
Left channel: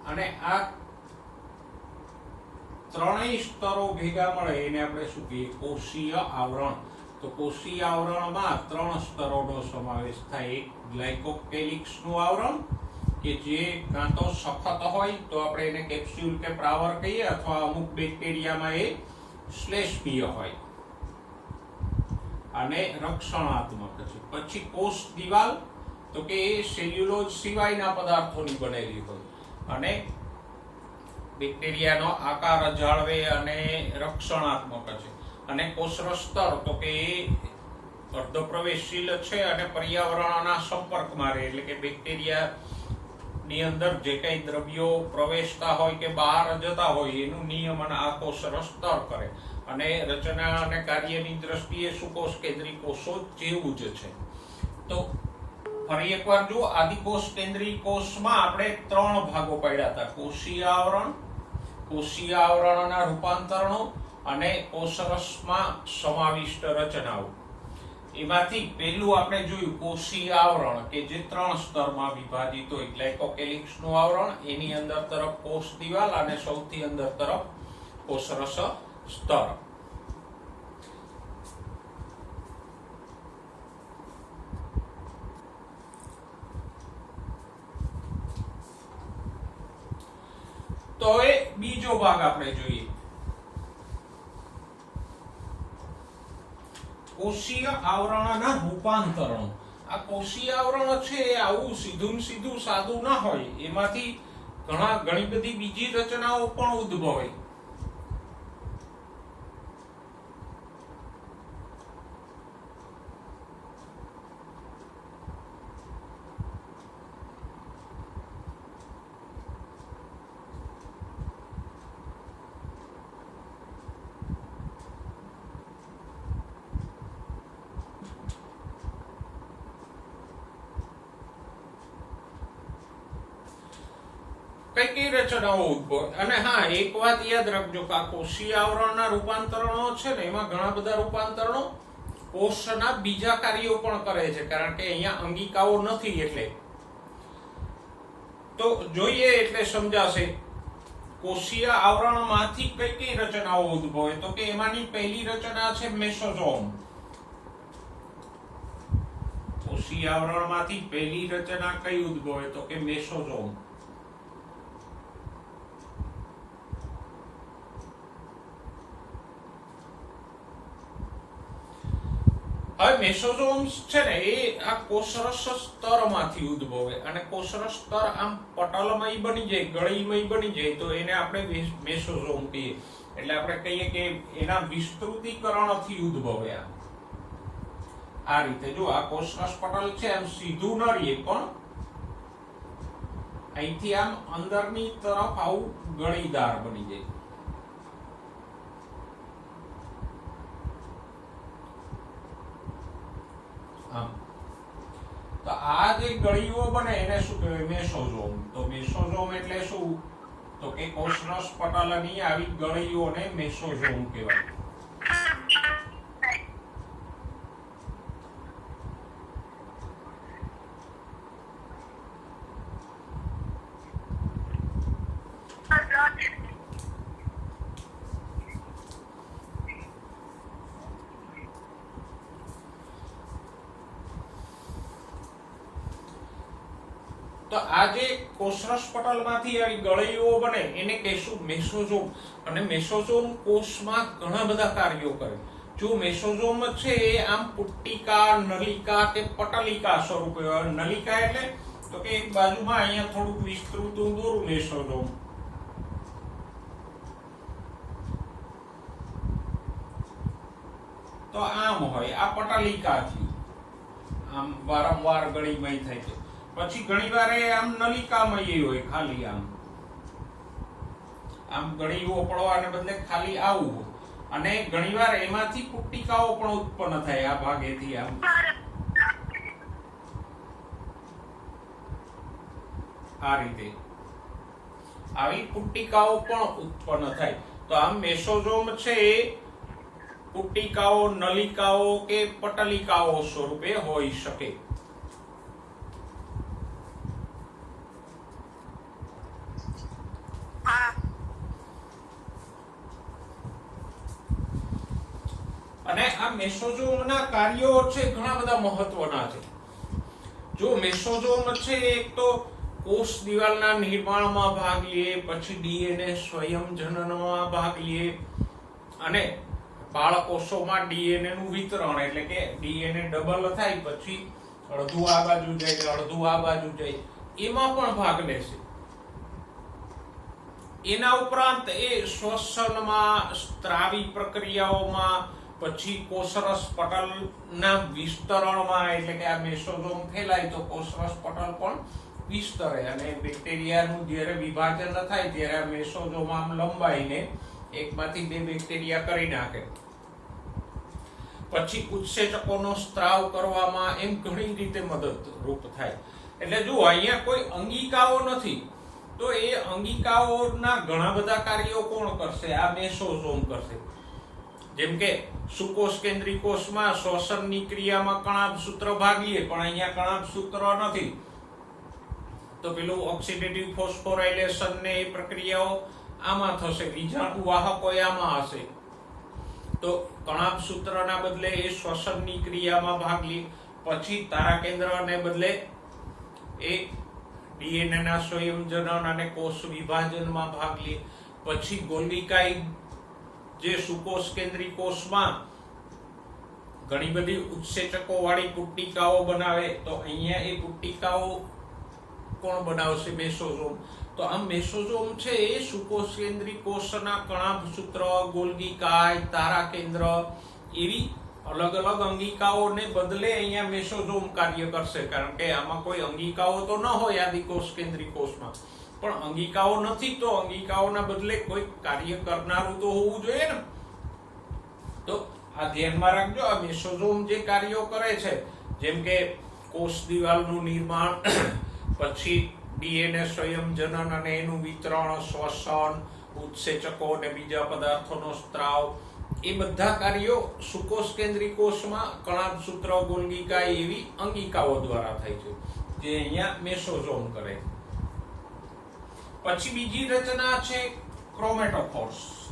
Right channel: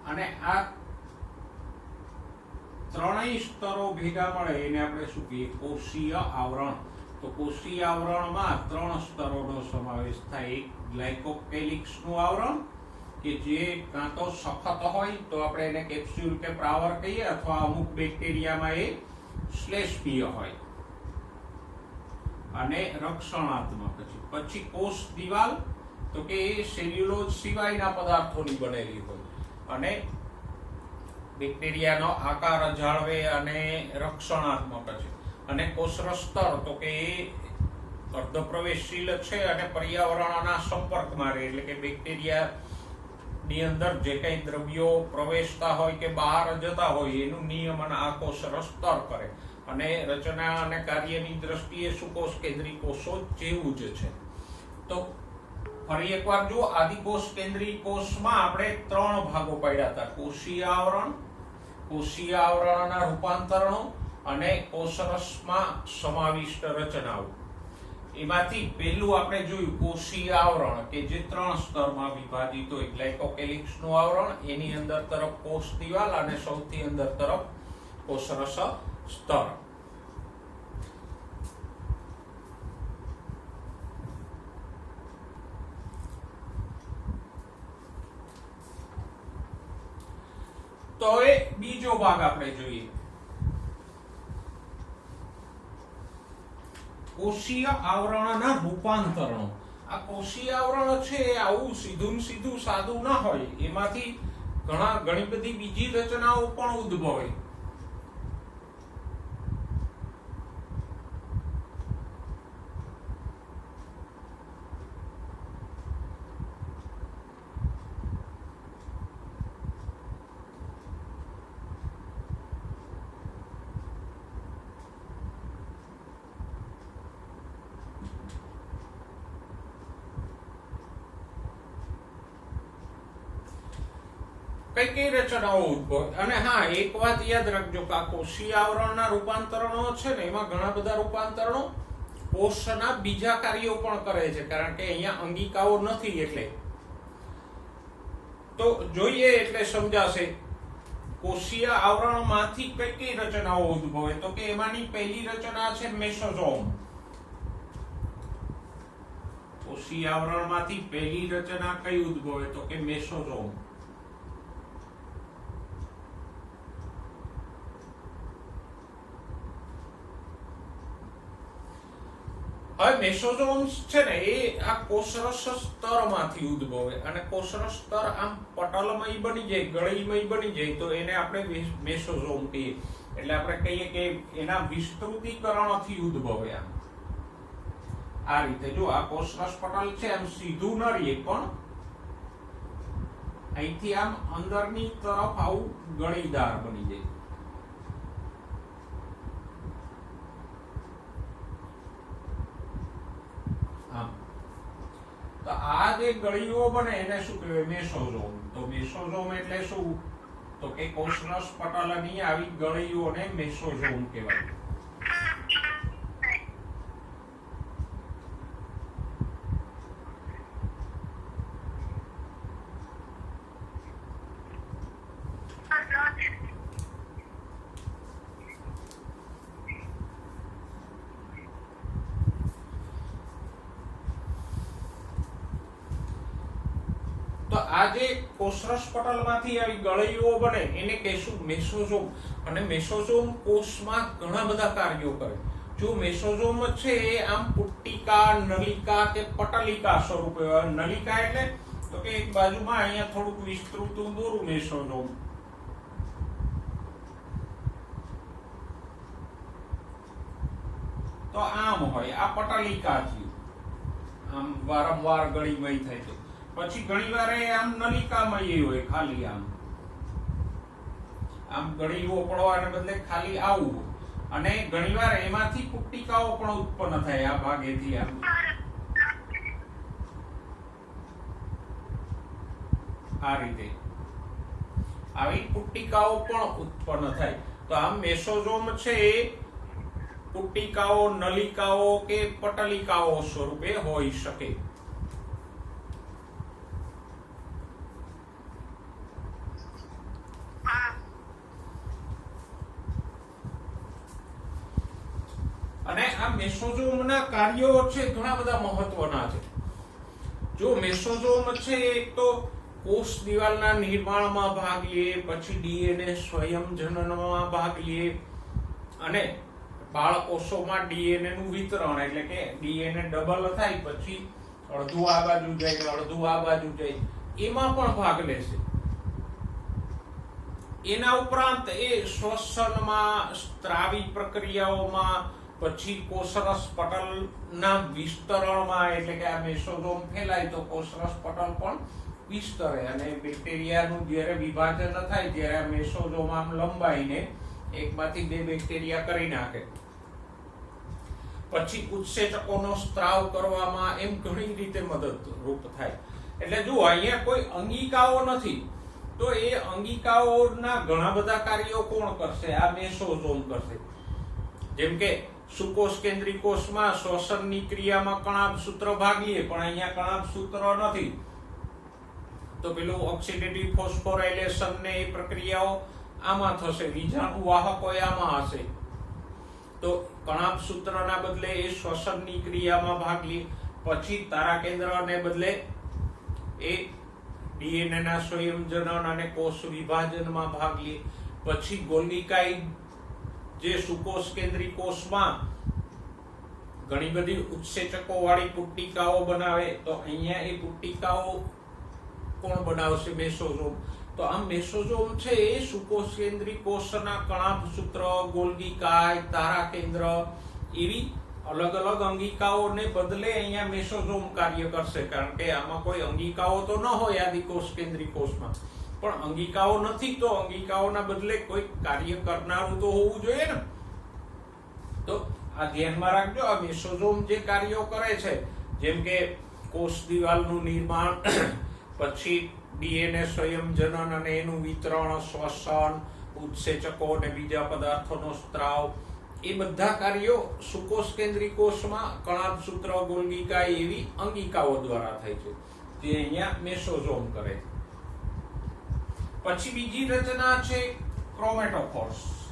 અને આ ત્રણેય સ્તરો ભેગા મળે એને આપણે શું કહીએ? કોષીય આવરણ. તો કોષીય આવરણમાં 3 સ્તરોનો સમાવેશ થાય. એક ગ્લાયકોકેલિક્સનું આવરણ કે જે કાં તો સખત હોય તો આપણે એને કેપ્સ્યુલ કે પ્રાવર કહીએ, અથવા અમુક બેક્ટેરિયામાં એ શ્લેષ્મીય હોય અને રક્ષણાત્મક છે. પછી કોષ દિવાલ, તો કે એ સેલ્યુલોઝ સિવાયના પદાર્થોની બનેલી હોય અને બેક્ટેરિયાનો આકાર જાળવે અને રક્ષણાત્મક છે. અને કોષરસ્તર, તો કે એ અર્ધપ્રવેશશીલ છે અને પર્યાવરણના સંપર્કમાં રહે, એટલે કે બેક્ટેરિયા ની અંદર જે કઈ દ્રવ્યો પ્રવેશતા હોય કે બહાર જતા હોય એનું નિયમન આ કોષરસ્તર કરે. અને રચના અને કાર્યની દ્રષ્ટિએ સુકોષ કેન્દ્રી કોષો જેવું જ છે. તો ફરી એકવાર જો, આદિકોષ કેન્દ્રી કોષમાં આપણે 3 ભાગો પાડ્યા હતા: કોષીય આવરણ, કોષીય આવરણના રૂપાંતરણો અને કોષરસમાં સમાવિષ્ટ રચનાઓ. એમાંથી પહેલું આપણે જોયું કોષીય આવરણ, કે જે 3 સ્તરમાં વિભાજિત હોય. ગ્લાયકોકેલિક્સનું આવરણ, એની અંદર તરફ કોષ દિવાલ અને સૌથી અંદર તરફ કોષરસ સ્તર. તો એ બીજો ભાગ આપણે જોઈએ, કોષીય આવરણના રૂપાંતરણો. આ કોષીય આવરણ છે એ આવું સીધું સાદું ના હોય, એમાંથી ઘણી બધી બીજી રચનાઓ પણ ઉદ્ભવે. કઈ રચનાઓ ઉદ્ભવે. અને હા, એક વાત યાદ રાખજો કે આ કોષીય આવરણના રૂપાંતરણો છે ને, એમાં ઘણા બધા રૂપાંતરણો કોષના બીજા કાર્યો પણ કરે છે, કારણ કે અહીંયા અંગિકાઓ નથી. એટલે તો જોઈએ એટલે સમજાશે. કોષીય આવરણમાંથી કઈ રચનાઓ ઉદ્ભવે, તો કે એમાંની પહેલી રચના છે મેસોઝોમ. કોષીય આવરણમાંથી પહેલી રચના કઈ ઉદ્ભવે, તો કે મેસોઝોમ. હવે મેસોઝોમ્સ છે ને એ આ કોષરસ સ્તરમાંથી ઉદ્ભવે, અને કોષરસ સ્તર આમ પટલમય બની જાય, ગળીમય બની જાય, તો એને આપણે મેસોઝોમ કહીએ. એટલે આપણે કહીએ કે એના વિસ્તૃતીકરણથી ઉદ્ભવે. આ રીતે જો, આ કોષરસ પટલ છે આમ સીધું ન રહે, પણ અહીંથી આમ અંદરની તરફ આવું ગળીદાર બની જાય. તો આ જે ગળીઓ બને એને શું કહેવાય? મેસોઝોમ. તો મેસોઝોમ એટલે શું? તો કે કોષરસ પટલની આવી ગળીઓને મેસોઝોમ કહેવાય. તો આ જે કોષરસ પટલમાંથી આવી ગળીઓ બને એને કહેશું મેસોઝોમ. અને મેસોઝોમ કોષમાં ઘણા બધા કાર્યો કરે. જો મેસોઝોમ છે એ આમ પુટ્ટિકા, નલિકા કે પટલિકા સ્વરૂપે. નલિકા એટલે તો કે એક બાજુમાં અહીંયા થોડુંક વિસ્તૃત દોરું મેસોઝોમ. તો આમ હોય, આ પટલિકા છે, આમ વારંવાર ગળીમય થાય છે. પછી ઘણી વાર આમ નલિકામય હોય, ખાલી આમ ગળીઓ પડવાને બદલે ખાલી આવું. અને ઘણી વાર એમાંથી પુટ્ટિકાઓ પણ ઉત્પન્ન થાય આ ભાગેથી. આમ આ રીતે આવી પુટ્ટિકાઓ પણ ઉત્પન્ન થાય. તો આમ મેસોઝોમ છે એ પુટ્ટિકાઓ, નલિકાઓ કે પટલિકાઓ સ્વરૂપે હોઈ શકે. આ મેસોઝોમના કાર્યો છે ઘણા બધા મહત્વના છે. જો મેસોઝોમ છે એક તો કોષ દિવાલના નિર્માણમાં ભાગ લે, પછી ડીએનએ સ્વયંજનનમાં ભાગ લે, અને બાળકોષોમાં ડીએનએ નું વિતરણ, એટલે કે ડીએનએ ડબલ થાય પછી અડધું આ બાજુ જાય અડધું આ બાજુ જાય, એમાં પણ ભાગ લેશે. એના ઉપરાંત એ શ્વસનમાં, સ્ત્રાવી પ્રક્રિયાઓમાં, પછી કોષરસ પટલના વિસ્તરણમાં, એટલે કે આ મેસોઝોમ ફેલાય તો કોષરસ પટલ પણ વિસ્તરે, અને બેક્ટેરિયાનું જ્યારે વિભાજન થાય ત્યારે આ મેસોઝોમ આમ લંબાઈને એકમાંથી બે બેક્ટેરિયા કરી નાખે. પછી ઉત્સેચકોનો સ્ત્રાવ કરવામાં એમ ઘણી રીતે મદદરૂપ થાય. એટલે જુઓ, અહીંયા કોઈ અંગિકાઓ નથી, તો એ અંગિકાઓના ઘણા બધા કાર્યો કોણ કરશે? આ મેસોઝોમ કરશે. જેમ કે સુકોષ કેન્દ્રી કોષમાં શ્વસનની ક્રિયામાં કણાભસૂત્ર ભાગ લે, પણ અહીંયા કણાભસૂત્ર નથી, તો પેલું ઓક્સિડેટિવ ફોસ્ફોરાયલેશન ને એ પ્રક્રિયાઓ આમાં થશે, વિજાણુ વાહકો આમાં હશે. તો કણાભસૂત્રના બદલે એ શ્વસનની ક્રિયામાં ભાગ લે. પછી તારા કેન્દ્રને બદલે એ ડીએનએ ના સંયોજન અને કોષ વિભાજનમાં ભાગ લે. પછી ગોલ્ગીકાઈ જે સુકોષ કેન્દ્રી કોષમાં ઘણી બધી ઉત્સેચકો વાળી પુટ્ટિકાઓ બનાવે, તો અહીંયા એ પુટ્ટિકાઓ કોણ બનાવશે? મેસોઝોમ. તો આ મેસોઝોમ છે એ સુકોષ કેન્દ્રી કોષના કણાભસૂત્ર, ગોલ્ગીકાય, તારા કેન્દ્ર એવી અલગ અલગ અંગિકાઓને બદલે અહીંયા મેસોઝોમ કાર્ય કરશે. કારણ કે આમાં કોઈ અંગિકાઓ તો ન હોય આદિકોષ કેન્દ્રી કોષમાં, પણ અંગિકાઓ નથી તો અંગિકાઓના બદલે કોઈ કાર્ય કરનારું તો હોવું જોઈએ ને. તો આ ધ્યાનમાં રાખજો, આ મેસોઝોમ જે કાર્યો કરે છે, જેમ કે કોષ દિવાલનું નિર્માણ, પછી ડીએનએ સંયોજન અને એનું વિતરણ, શ્વસન, ઉત્સેચકો અને બીજા પદાર્થોનો સ્ત્રાવ, એ બધા કાર્યો સુકોષ કેન્દ્રી કોષમાં કણાભસૂત્ર, ગોલ્ગીકાય એવી અંગિકાઓ દ્વારા થાય છે, જે અહીંયા મેસોઝોમ કરે. પછી બીજી રચના છે ક્રોમેટોફોર્સ.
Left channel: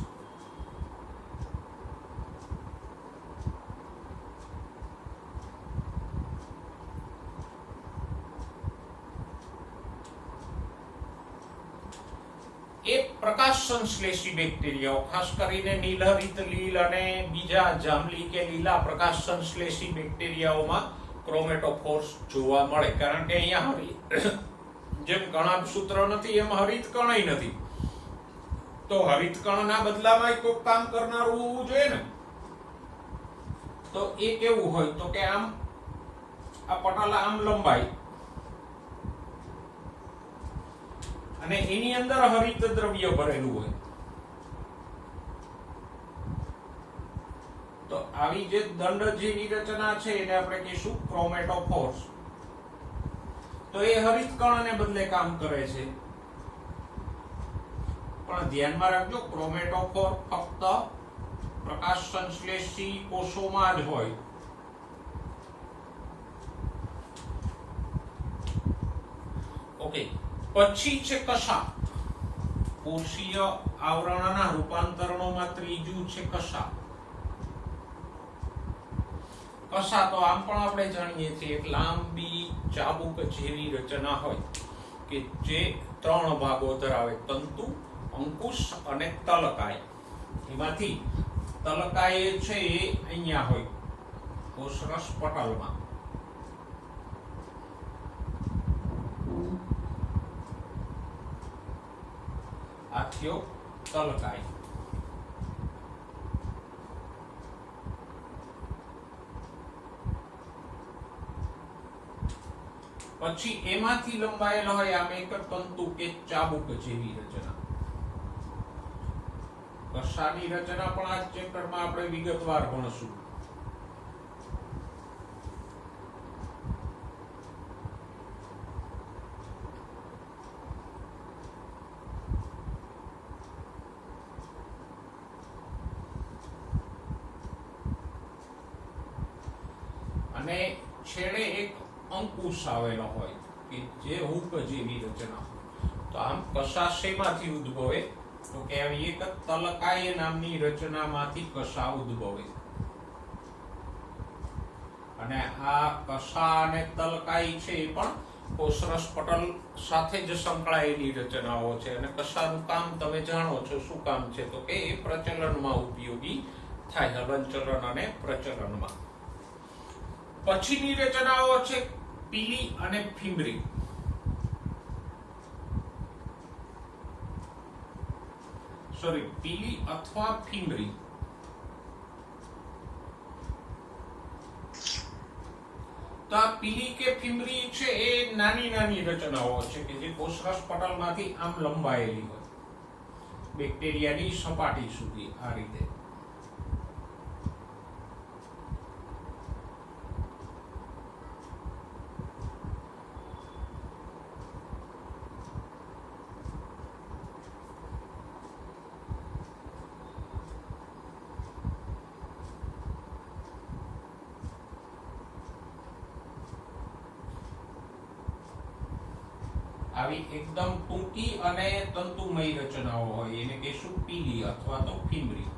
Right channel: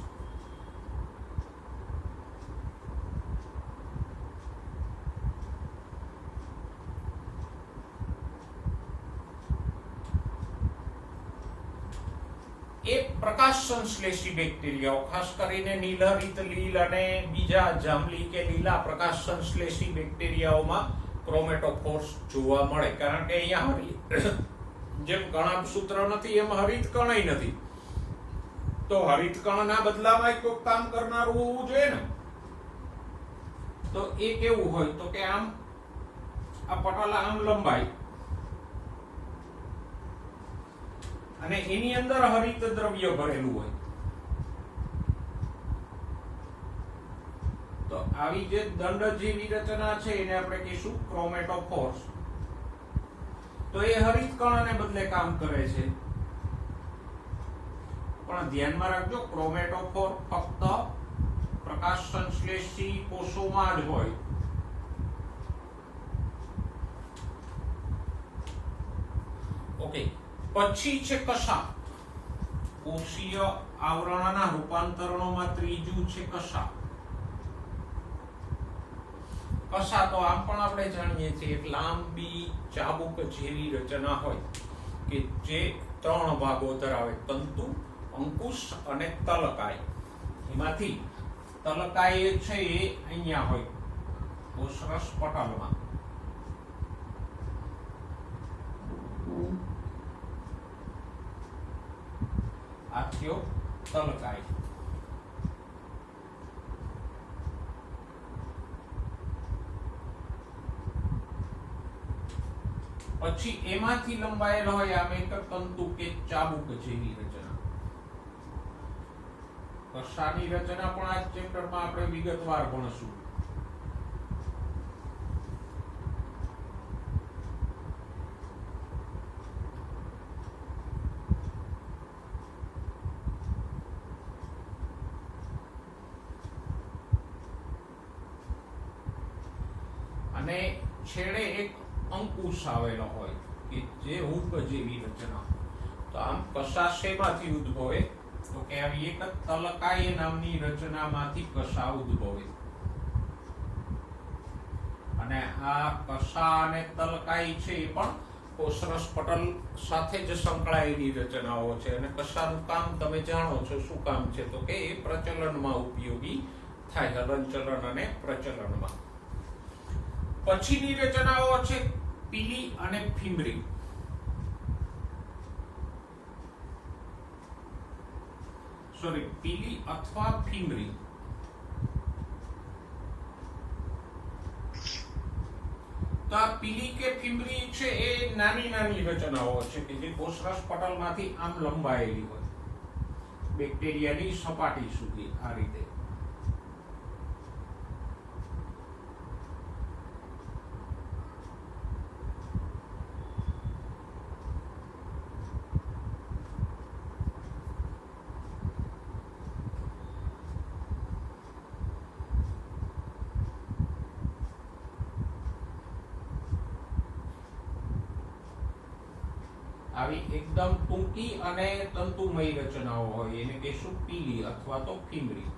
એ પ્રકાશ સંશ્લેષી બેક્ટેરિયાઓ, ખાસ કરીને નીલહરિત લીલ અને બીજા જાંબલી કે લીલા પ્રકાશ સંશ્લેષી બેક્ટેરિયાઓમાં ક્રોમેટોફોર્સ જોવા મળે. કારણ કે અહીંયા જેમ કણાભસૂત્ર નથી એમ હરિતકણય નથી, તો હરિતકણના બદલામાં કોઈ કામ કરનારું હોવું જોઈએ ને. તો એ કેવું હોય? તો કે આમ આ પટલ આમ લંબાઈ, અને એની અંદર હરિત દ્રવ્ય ભરેલું હોય. તો આવી જે દંડ જેવી રચના છે એને આપણે કહીશું ક્રોમેટોફોર્સ. તો એ હરિત કણને બદલે કામ કરે છે. પણ ધ્યાનમાં રાખજો, ક્રોમેટોફોર ફક્ત પ્રકાશ સંશ્લેષી કોષોમાં જ હોય. ઓકે, પછી છે કશા. કોષીય આવરણના રૂપાંતરણોમાં ત્રીજું છે કશા. કશા તો આમ પણ આપણે જાણીએ છીએ, એક લાંબી ચાબુક જેવી રચના હોય કે જે 3 ભાગો ધરાવે: તંતુ, અંકુશ અને તલકાય. એમાંથી તલકાય છે એ અહીંયા હોય કોષરસ પટલમાં. આ થયો તલકાય. પછી એમાંથી લંબાયેલો હોય આમ એક તંતુ કે ચાબુક જેવી રચના. કશાની રચના પણ આ ચેપ્ટરમાં આપણે વિગતવાર ભણશું. અને છેડે એક અંકુશ આવેલો હોય કે જે હૂક જેવી રચના. તો આમ કશા શેમાંથી ઉદ્ભવે? તો કે આવી એક તલકાય નામની રચનામાંથી કશા ઉદ્ભવે. અને આ કશા અને તલકાઈ છે એ પણ કોષરસ પટલ સાથે જ સંકળાયેલી રચનાઓ છે. અને કશાનું કામ તમે જાણો છો, શું કામ છે તો કે એ પ્રચલનમાં ઉપયોગી થાય, હલનચલન અને પ્રચલનમાં. પછીની રચનાઓ છે પીલી અને ફીમરી. પીલી અથવા ફીમરી. તો આ પીલી કે ફીમરી છે એ નાની નાની રચનાઓ છે કે જે કોષરસ પટલમાંથી આમ લંબાયેલી હોય બેક્ટેરિયાની સપાટી સુધી. આ રીતે આવી એકદમ ટૂંકી અને તંતુમય રચનાઓ હોય એને કહેશું પીલી અથવા તો ફીમરી.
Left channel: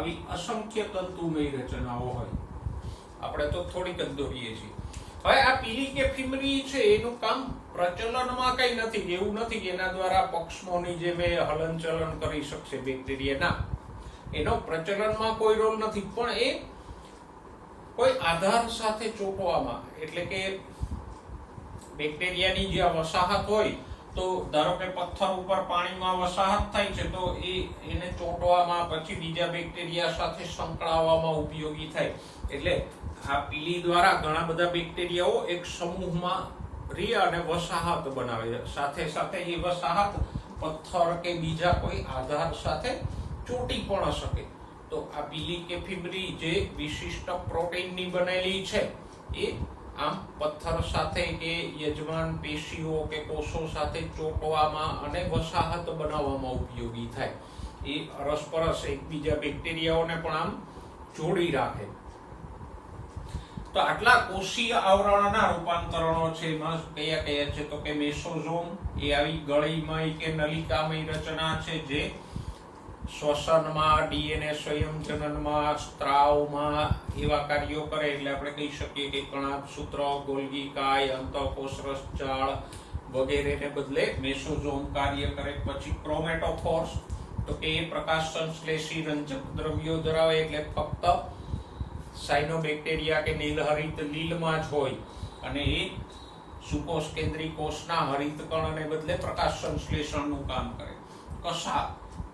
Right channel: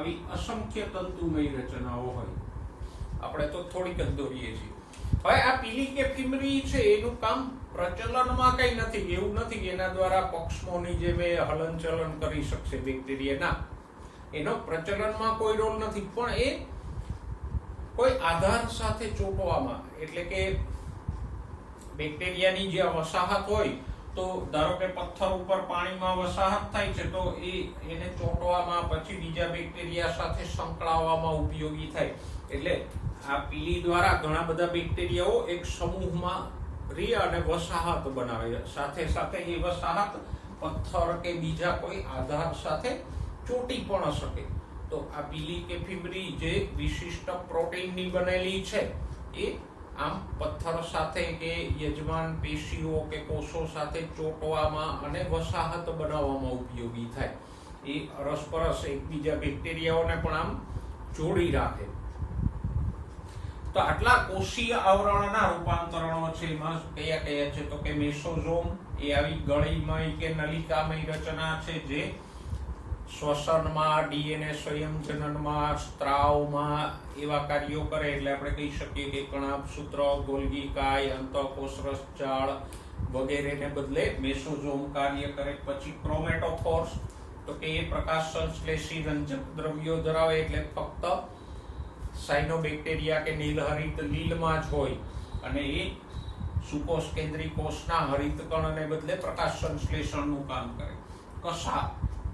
આવી અસંખ્ય તંતુમય રચનાઓ હોય. આપણે તો થોડીક જ દોરીએ છીએ. હવે આ પીલી કે ફીમરી છે એનું કામ પ્રચલનમાં કઈ નથી. એવું નથી કે એના દ્વારા પક્ષમોની જેમ હલનચલન કરી શકશે બેક્ટેરિયા. એનો પ્રચલનમાં કોઈ રોલ નથી, પણ એ કોઈ આધાર સાથે ચોંટવામાં, એટલે કે બેક્ટેરિયાની જે વસાહત હોય, તો ધારો કે પથ્થર ઉપર પાણીમાં વસાહત થાય છે તો એને ચોંટવામાં, પછી બીજા બેક્ટેરિયા સાથે સંકળાવવામાં ઉપયોગી થાય. એટલે આ પીલી દ્વારા ઘણા બધા બેક્ટેરિયાઓ એક સમૂહમાં રહી અને વસાહત બનાવે. સાથે સાથે એ વસાહત પથ્થર કે બીજા કોઈ આધાર સાથે ચોંટી પણ શકે. તો આ પીલી કે ફીમરી જે વિશિષ્ટ પ્રોટીનની બનેલી છે એ આમ પથ્થર સાથે કે યજમાન પેશીઓ કે કોષો સાથે ચોંટવામાં અને વસાહત બનાવવામાં ઉપયોગી થાય. એ અરસપરસ એકબીજા બેક્ટેરિયાઓને પણ આમ જોડી રાખે. તો આટલા કોષીય આવરણના રૂપાંતરણો છે. એમાં કયા કયા છે તો કે મેસોઝોમ એ આવી ગળીમય કે નલિકામય રચના છે જે શ્વસનમાં, ડીએનએ સંયમજનનમાં, સ્ત્રાવમાં એવા કાર્યો કરે. એટલે આપણે કહી શકીએ કે કણાભસૂત્ર, ગોલ્ગી કાય, અંતઃકોષરસ જાળ વગેરેને બદલે મેસોઝોમ કાર્ય કરે. પછી ક્રોમેટોફોર્સ, તો કે એ પ્રકાશ સંશ્લેષી રંજક દ્રવ્યો ધરાવે, એટલે ફક્ત સાયનોબેક્ટેરિયા કે નીલહરિત લીલમાં જ હોય અને એ સુકોષ કેન્દ્રી કોષના હરિત કણને બદલે પ્રકાશ સંશ્લેષણનું કામ કરે. કશા,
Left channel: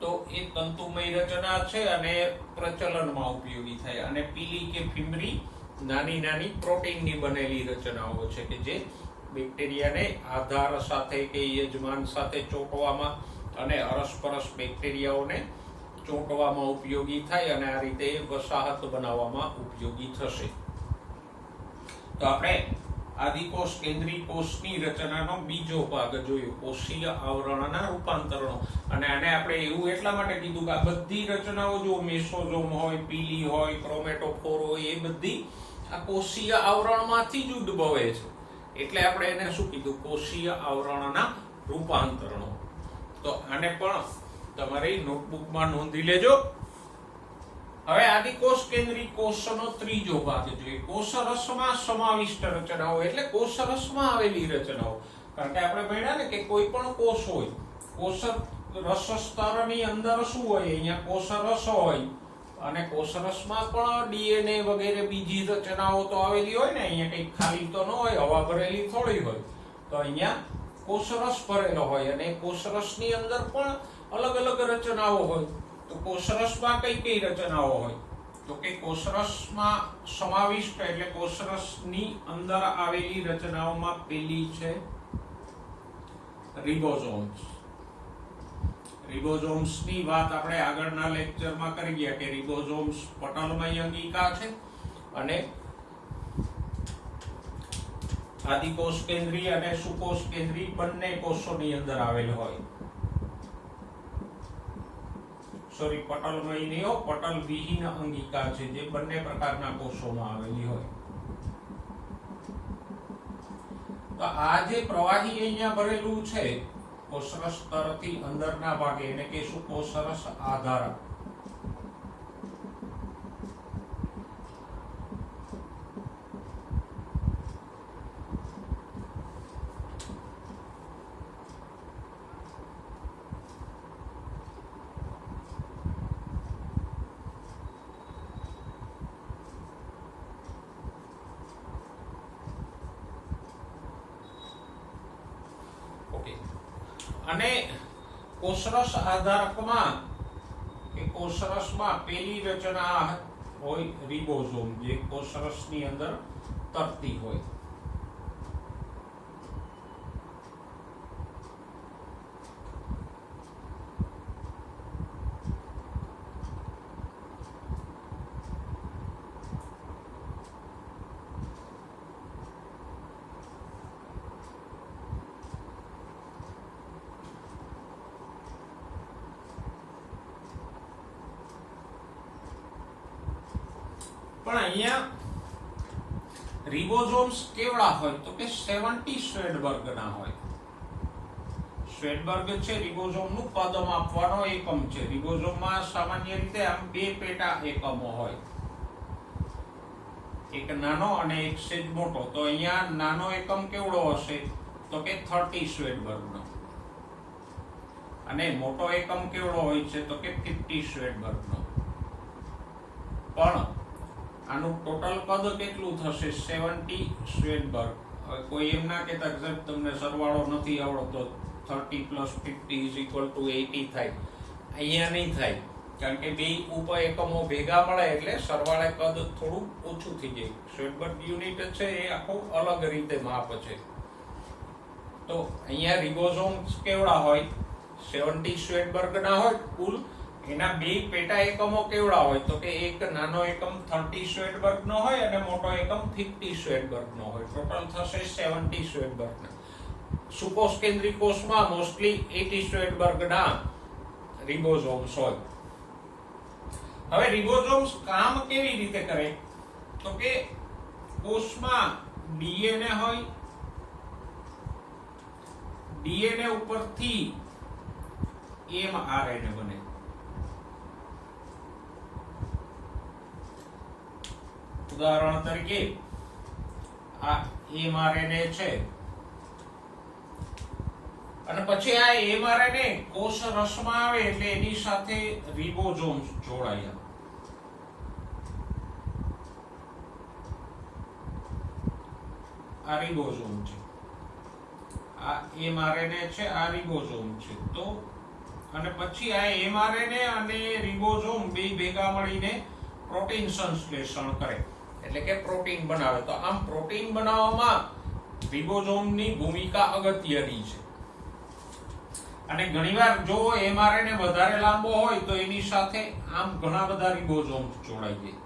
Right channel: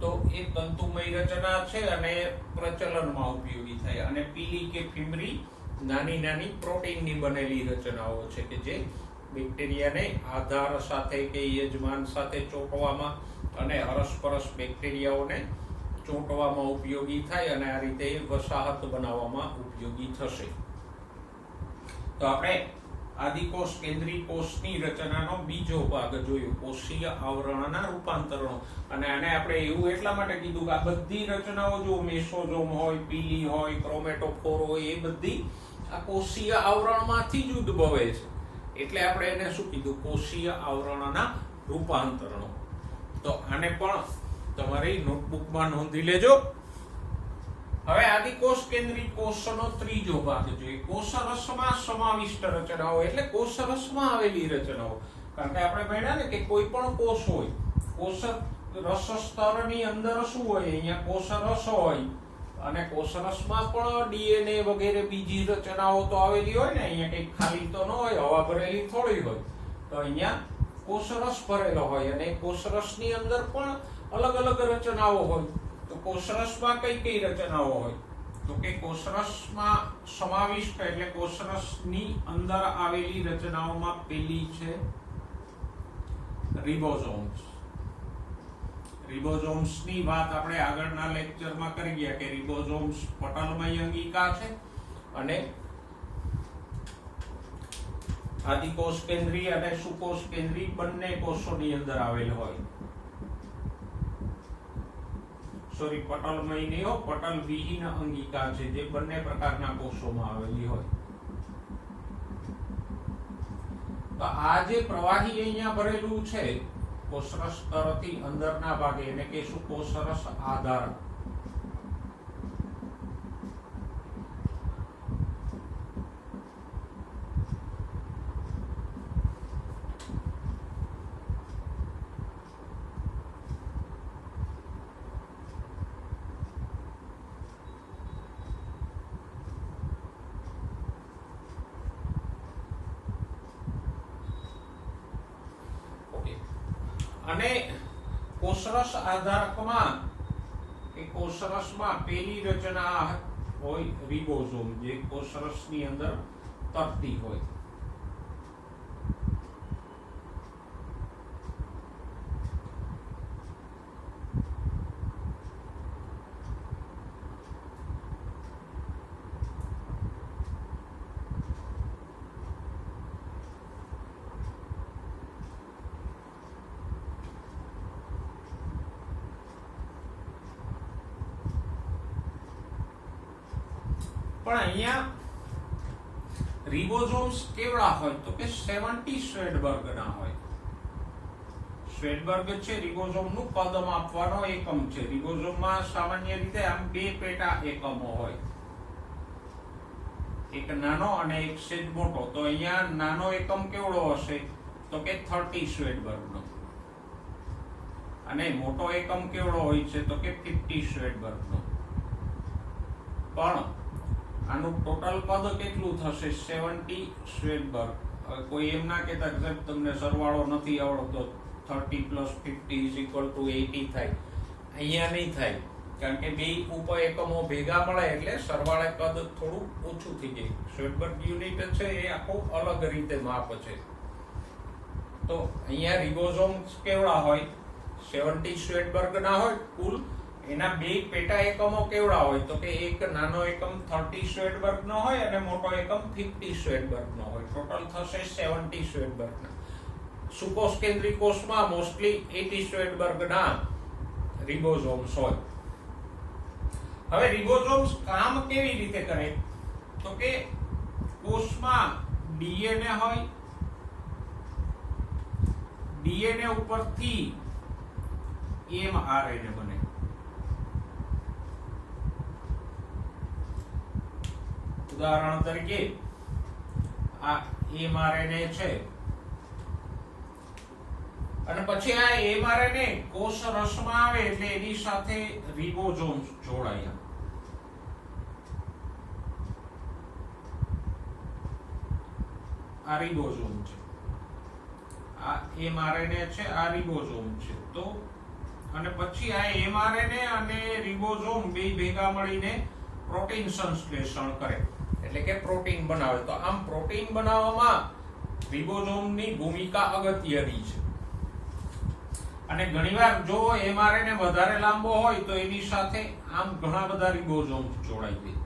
તો એ તંતુમય રચના છે અને પ્રચલનમાં ઉપયોગી થાય. અને પીલી કે ફીમરી નાની નાની પ્રોટીનની બનેલી રચનાઓ છે કે જે બેક્ટેરિયાને આધાર સાથે કે યજમાન સાથે ચોંટવામાં અને અરસપરસ બેક્ટેરિયાઓને ચોંટવામાં ઉપયોગી થાય અને આ રીતે વસાહત બનાવવામાં ઉપયોગી થશે. તો આપણે આદિકોષ કેન્દ્રી કોષની રચનાનો બીજો ભાગ જોયો, કોષીય આવરણના રૂપાંતરણો. અને આને આપણે એવું એટલા માટે કીધું કે આ બધી રચનાઓ જો મેસોઝોમ હોય, પીલી હોય, ક્રોમેટોફોર હોય, એ બધી આ કોષીય આવરણમાંથી જ ઉદ્ભવે છે. એટલે આપણે એને શું કીધું, કોષીય આવરણના રૂપાંતરણો. તો આને પણ તમારી નોટબુકમાં નોંધી લેજો. હવે આદિકોષ કેન્દ્રી કોષનો ત્રીજો ભાગ જોઈએ, કોષરસમાં સમાવિષ્ટ રચનાઓ. એટલે કોષરસમાં આવેલી રચનાઓ. કારણ કે આપણે ભણ્યા ને કે કોઈ પણ કોષ હોય, કોષરસ સ્તરની અંદર શું હોય, અહીંયા કોષરસ હોય અને કોષરસમાં પણ ડીએનએ વગેરે બીજી રચનાઓ તો આવેલી હોય ને. અહીંયા કઈ ખાલી તો ન હોય, હવા ભરેલી થોડી હોય. તો અહીંયા કોષરસ ભરેલો હોય અને કોષરસની અંદર પણ અલગ અલગ રચનાઓ હોય. તો કોષરસમાં કઈ કઈ રચનાઓ હોય તો કે કોષરસમાં સમાવિષ્ટ એટલે કોષરસની અંદર આવેલી રચનાઓમાં પેલી છે રિબોઝોમ્સ. રિબોઝોમ્સ ની વાત આપણે આગળના લેક્ચરમાં કરી ગયા કે રિબોઝોમ્સ પટલમય અંગિકા છે અને આદિકોષ કેન્દ્રીય અને સુકોષ કેન્દ્રીય બંને કોષોની અંદર આવેલ હોય. સોરી, પટલમય નહીં, પટલ વિહીન અંગિકા છે જે બંને પ્રકારના કોષોમાં આવેલી હોય. તો આ જે પ્રવાહી અહીંયા ભરેલું છે કોષરસ સ્તરથી અંદરના ભાગે એને કહેશું કોષરસ આધારક. અને કોષરસ આધારકમાં કે કોષરસમાં પેલી રચના હોય રિબોઝોમ, જે કોષરસની અંદર તરતી હોય. પણ અહીંયા રિબોઝોમ્સ કેવડા હોય તો કે 70 શ્વેડબર્ગના હોય. શ્વેડબર્ગ છે રિબોઝોમનું કદ માપવાનો એકમ છે. રિબોઝોમમાં સામાન્ય રીતે આમ બે પેટા એકમો હોય, એક નાનો અને એક સેજ મોટો. તો અહીંયા નાનો એકમ કેવડો હશે તો કે 30 શ્વેડબર્ગનો, અને મોટો એકમ કેવડો હોય છે તો કે 50 શ્વેડબર્ગનો. પણ આનું ટોટલ કદ કેટલું થશે? 70 શ્વેડબર્ગ. હવે કોઈ એમ ના કહેતા કે તમને સરવાળો નથી આવડતો, 30 + 50 = 80 થાય. અહીંયા નહીં થાય, કારણ કે બે ઉપ એકમો ભેગા મળે એટલે સરવાળે કદ થોડું ઓછું થઈ જાય. શ્વેડબર્ગ યુનિટ છે એ આખું અલગ રીતે માપ છે. તો અહીંયા રિબોઝોમ્સ કેવડા હોય? 70 શ્વેડબર્ગના હોય કુલ. એના બે પેટા એકમો કેવડા હોય તો કે એક નાનો એકમ 30 શ્વેડબર્ગનો હોય અને મોટો એકમ 50 શ્વેડબર્ગનો હોય. ટોટલ થશે 70 શ્વેડબર્ગના. સુકોષ કેન્દ્રીય કોષમાં મોસ્ટલી 80 શ્વેડબર્ગના રિબોઝોમ્સ હોય. હવે રિબોઝોમ્સ કામ કેવી રીતે કરે તો કે કોષમાં ડીએનએ હોય, ડીએનએ ઉપરથી એમઆરએનએ બને. ઉદાહરણ તરીકે આ એમઆરએનએ છે અને પછી આ એમઆરએનએ કોષ રસમાં આવે એટલે એની સાથે રિબોઝોમ્સ જોડાયા. આ રિબોઝોમ છે, આ એમઆરએનએ છે, આ રિબોઝોમ છે. તો અને પછી આ એમઆરએનએ અને રિબોઝોમ બે ભેગા મળીને પ્રોટીન સંશ્લેષણ કરે, એટલે કે પ્રોટીન બનાવે. તો આમ પ્રોટીન બનાવવામાં રિબોઝોમની ભૂમિકા અગત્યની છે. અને ઘણીવાર જો એમઆરએનએ વધારે લાંબો હોય તો એની સાથે આમ ઘણા બધા રિબોઝોમ્સ જોડાઈ જાય,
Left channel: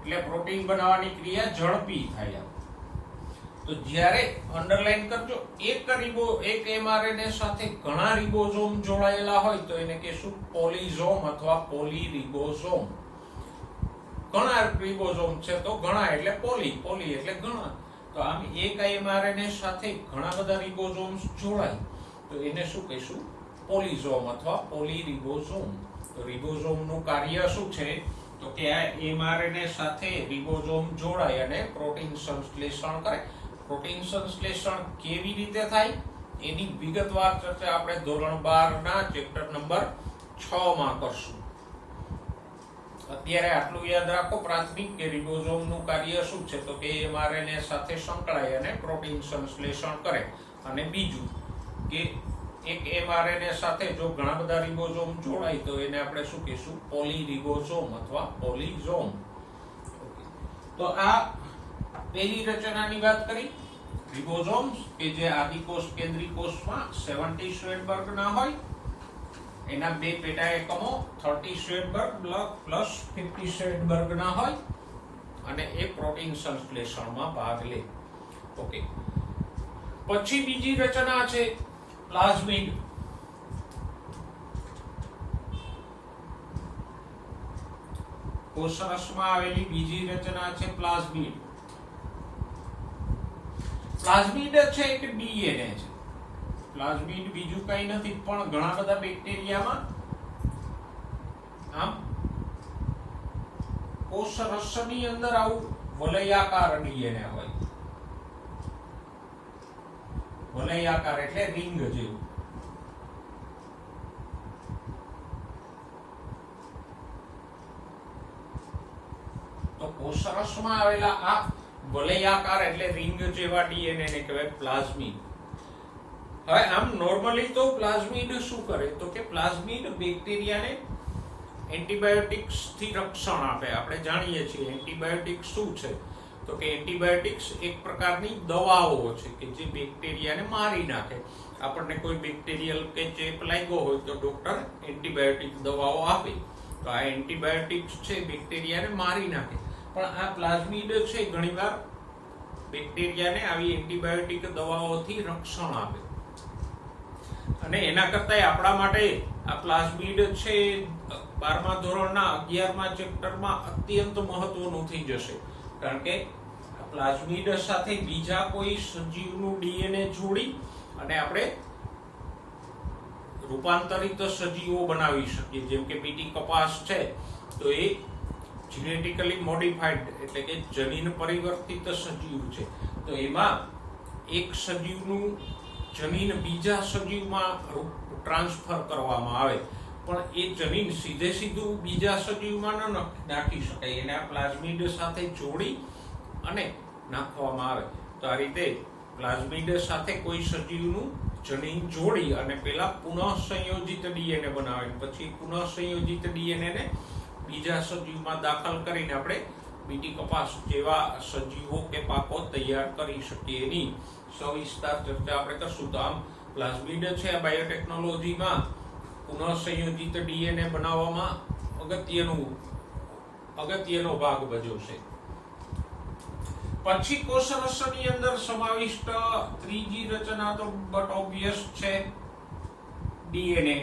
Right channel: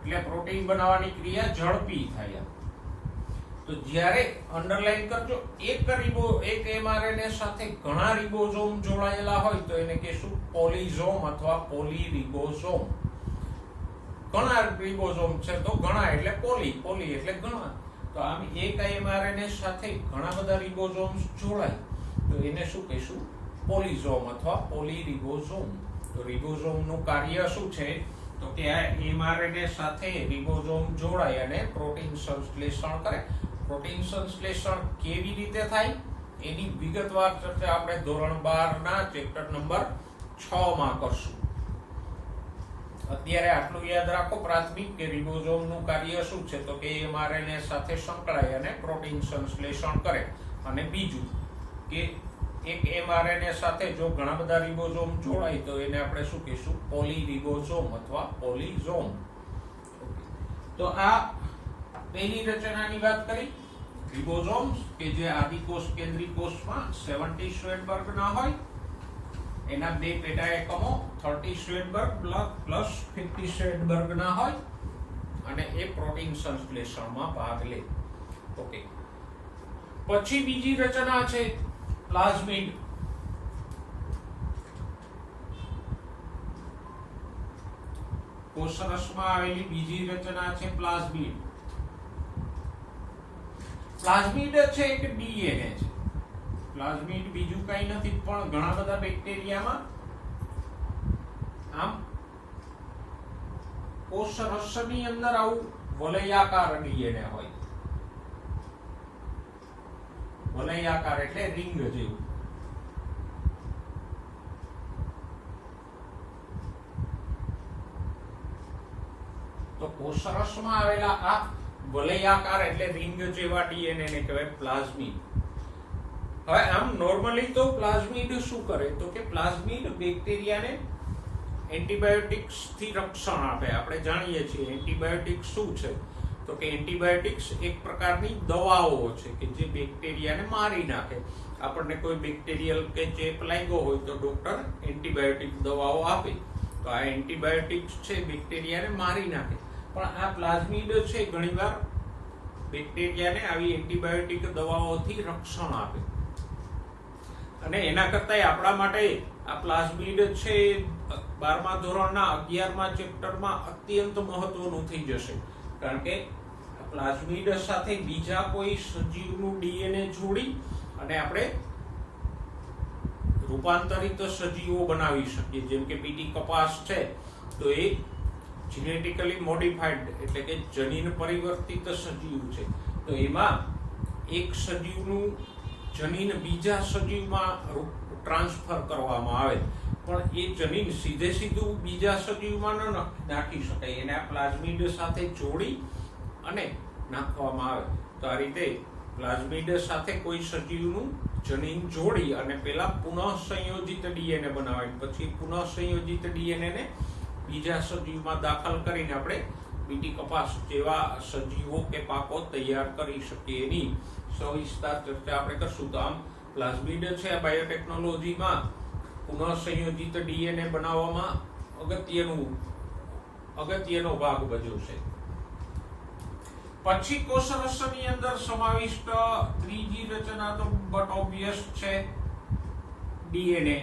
એટલે પ્રોટીન બનાવવાની ક્રિયા ઝડપી થાય. તો જ્યારે અંડરલાઈન કરજો, એક એમઆરએનએ સાથે ઘણા રિબોઝોમ જોડાયેલા હોય તો એને કહેશું પોલીઝોમ અથવા પોલીરિબોઝોમ. ઘણા રિબોઝોમ છે તો ઘણા એટલે પોલી એટલે ઘણા. તો આમ એક એમઆરએનએ સાથે ઘણા બધા રિબોઝોમ્સ જોડાય તો એને શું કહીશું? પોલીઝોમ અથવા પોલીરિબોઝોમ. તો રિબોઝોમનું કાર્ય શું છે તો કે આ એમઆરએનએ સાથે રિબોઝોમ જોડાય અને પ્રોટીન સંશ્લેષણ કરે. પ્રોટીન સંશ્લેષણ કેવી રીતે થાય એની વિગતવાર ચર્ચા આપણે ધોરણ 12 ના ચેપ્ટર નંબર 6 માં કરશું. અત્યારે આટલું યાદ રાખો પ્રાથમિક કે રિબોઝોમનું કાર્ય શું છે તો કે એમઆરએનએ સાથે સંકળાય અને પ્રોટીન સંશ્લેષણ કરે. અને બીજું કે એક એમઆરએનએ સાથે જો ઘણા બધા રિબોઝોમ જોડાય તો એને આપણે શું કહીશું? પોલીરિબોઝોમ અથવા પોલીઝોમ. તો આ પહેલી રચનાની વાત કરી. રિબોઝોમ્સ કે જે આદિકોષ કેન્દ્રીય કોષમાં 70 શ્વેતબર્ગના હોય, એના બે પેટા એકમો 30 શ્વેતબર્ગ પ્લસ 50 શ્વેતબર્ગના હોય અને એ પ્રોટીન સંશ્લેષણમાં ભાગ લે. ઓકે, પછી બીજી રચના છે પ્લાઝમિડ. કોષરસમાં આવેલી બીજી રચના છે પ્લાઝમિડ. પ્લાઝમિડ છે એક ડીએનએ છે. પ્લાઝમિડ બીજું કઈ નથી પણ ઘણા બધા બેક્ટેરિયામાં આમ કોષરસની અંદર આવું વલયાકાર ડીએનએ હોય. વલયાકાર એટલે રિંગ જેવું. તો કોષરસમાં આવેલા આ વલયાકાર એટલે રિંગ જેવા ડીએનએ ને કહેવાય પ્લાઝમિડ. હવે આમ નોર્મલી તો પ્લાઝમિડ શું કરે તો કે પ્લાઝમિડ બેક્ટેરિયાને એન્ટીબાયોટિક્સ થી રક્ષણ આપે. આપણે જાણીએ છીએ એન્ટીબાયોટિક્સ શું છે તો કે એન્ટીબાયોટિક્સ એક પ્રકારની દવાઓ છે કે જે બેક્ટેરિયાને મારી નાખે. આપણને કોઈ બેક્ટેરિયલ કે ચેપ લાગ્યો હોય તો ડોક્ટર એન્ટીબાયોટિક દવાઓ આપે. તો આ એન્ટીબાયોટિક્સ છે બેક્ટેરિયાને મારી નાખે. પણ આ પ્લાઝમિડ છે ઘણીવાર બેક્ટેરિયાને આવી એન્ટીબાયોટિક દવાઓથી રક્ષણ આપે. અને એના કરતા આપણા માટે આ પ્લાઝમિડ છે 12મા ધોરણના 11મા ચેપ્ટરમાં અત્યંત મહત્વનું થઈ જશે. કારણ કે આ પ્લાઝમિડ સાથે બીજા કોઈ સજીવનું ડીએનએ જોડી અને આપણે રૂપાંતરિત સજીવો બનાવી શકીએ. જેમ કે બીટી કપાસ છે તો એ જીનેટિકલી મોડિફાઈડ એટલે કે જનીન પરિવર્તિત સજીવ છે. તો એમાં એક સજીવનું જનીન બીજા સજીવમાં ટ્રાન્સફર કરવામાં આવે પણ એ જનીન સીધું બીજા સજીવમાં ન નાખી શકાય. એને આ પ્લાઝમિડ સાથે જોડી અને નાખવામાં આવે. તો આ રીતે પ્લાઝમિડ સાથે કોઈ સજીવનું જનીન જોડી અને પેલા પુનઃ સંયોજિત ડીએનએ બનાવે, પછી પુનઃ સંયોજિત ડીએનએ ને બીજા સજીવમાં દાખલ કરીને આપણે બીટી કપાસ જેવા સજીવો કે પાકો તૈયાર કરી શકીએ. એની સવિસ્તાર ચર્ચા આપણે કરશું. તો આમ પ્લાઝમિડ છે આ બાયોટેકનોલોજીમાં પુનઃ સંયોજિત ડીએનએ બનાવવામાં અગત્યનો ભાગ ભજવશે. પછી કોષરસની અંદર સમાવિષ્ટ ત્રીજી રચના તો બટ ઓબ્વિયસ છે ડીએનએ.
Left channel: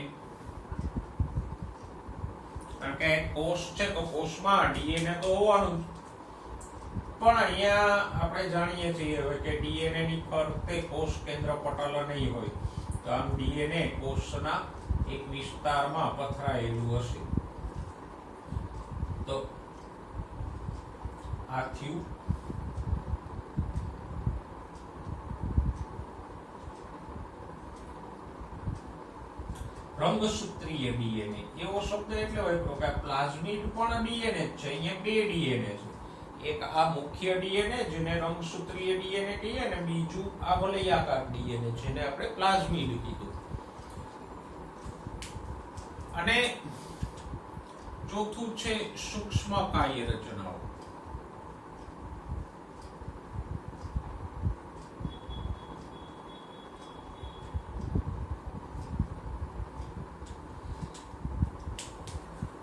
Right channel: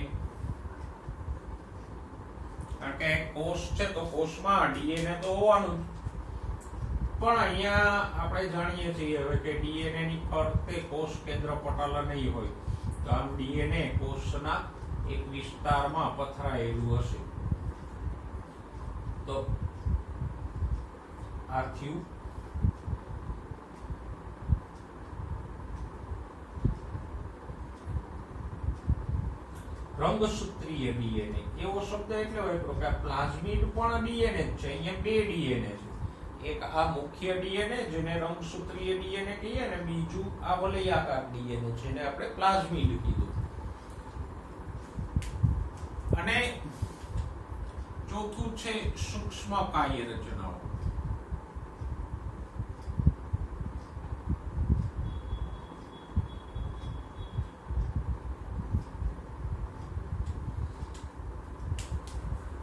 કારણ કે કોષ છે તો કોષમાં ડીએનએ તો હોવાનું. પણ અહીંયા આપણે જાણીએ છીએ હવે કે ડીએનએ ની ફરતે કોષ કેન્દ્ર પટલ નહીં હોય. તો આમ ડીએનએ કોષના એક વિસ્તારમાં પથરાયેલું હશે. તો આ થયું રંગસૂત્રીય ડીએનએ. એવો શબ્દ એટલે હોય કે પ્લાઝમિડ પણ ડીએનએ જ છે. અહીંયા બે ડીએનએ છે. એક આ મુખ્ય ડીએનએ જેને રંગસૂત્રીય ડીએનએ કહીએ અને બીજું આ વલયાકાર ડીએનએ જેને આપણે પ્લાઝમિડ કીધું. અને ચોથું છે સૂક્ષ્મ કાય રચનાઓ.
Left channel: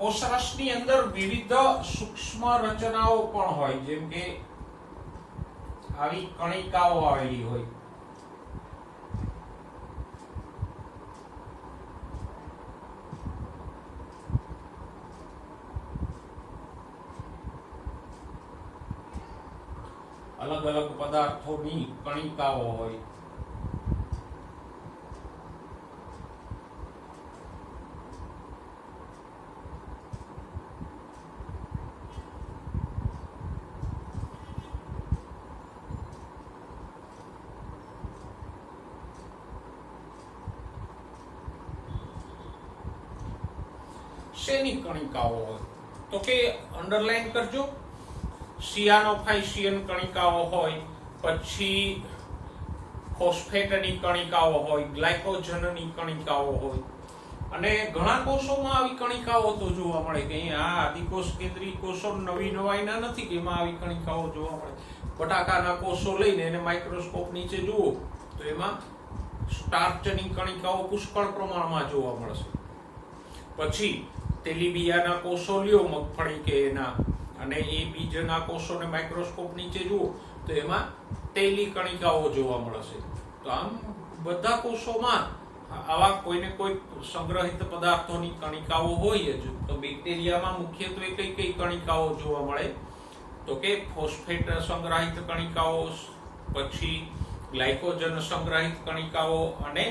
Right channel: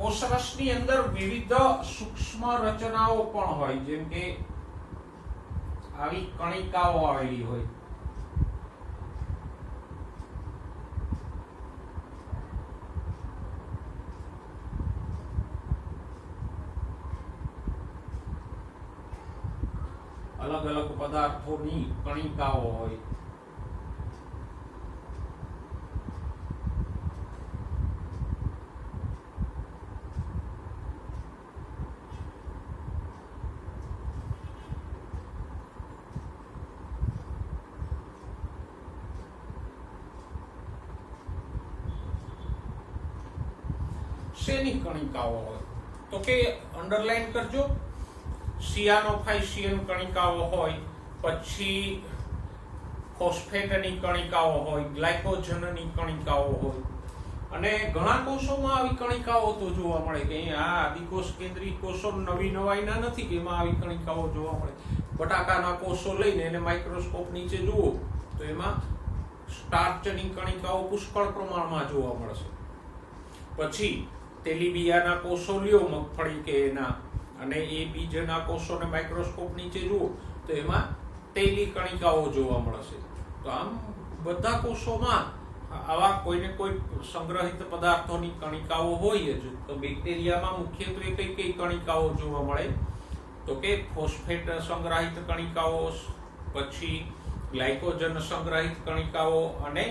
કોષરસની અંદર વિવિધ સૂક્ષ્મ રચનાઓ પણ હોય. જેમ કે આવી કણિકાઓ આવેલી હોય. અલગ અલગ પદાર્થોની કણિકાઓ હોય. શેની કણિકાઓ હોય તો કે અંડરલાઈન કરજો. સિયાનોફાઇસિયન કણિકાઓ હોય, પછી ફોસ્ફેટની કણિકાઓ હોય, ગ્લાયકોજનની કણિકાઓ હોય, અને ઘણા કોષોમાં આવી કણિકાઓ તો જોવા મળે કે આ આદિકોષ કેન્દ્રીય કોષો નવી નવાઈના નથી કે એમાં આવી કણિકાઓ જોવા મળે. બટાકાના કોષો લઈને એને માઇક્રોસ્કોપ નીચે જુઓ તો એમાં સ્ટાર્ચની કણિકાઓ પુષ્કળ પ્રમાણમાં જોવા મળશે. પછી તેલીબિયાના કોષો લ્યો મગફળી કે એના, અને એ બીજના કોષોને માઇક્રોસ્કોપ નીચે જુઓ તો એમાં તેલી કણિકાઓ જોવા મળશે. તો આમ બધા કોષોમાં આવા કોઈને કોઈ સંગ્રહિત પદાર્થોની કણિકાઓ હોય જ. તો બેક્ટેરિયામાં મુખ્યત્વે કઈ કઈ કણિકાઓ જોવા મળે તો કે ફોસ્ફેટ સંગ્રહિત કણિકાઓ, પછી ગ્લાયકોજન સંગ્રહિત કણિકાઓ અને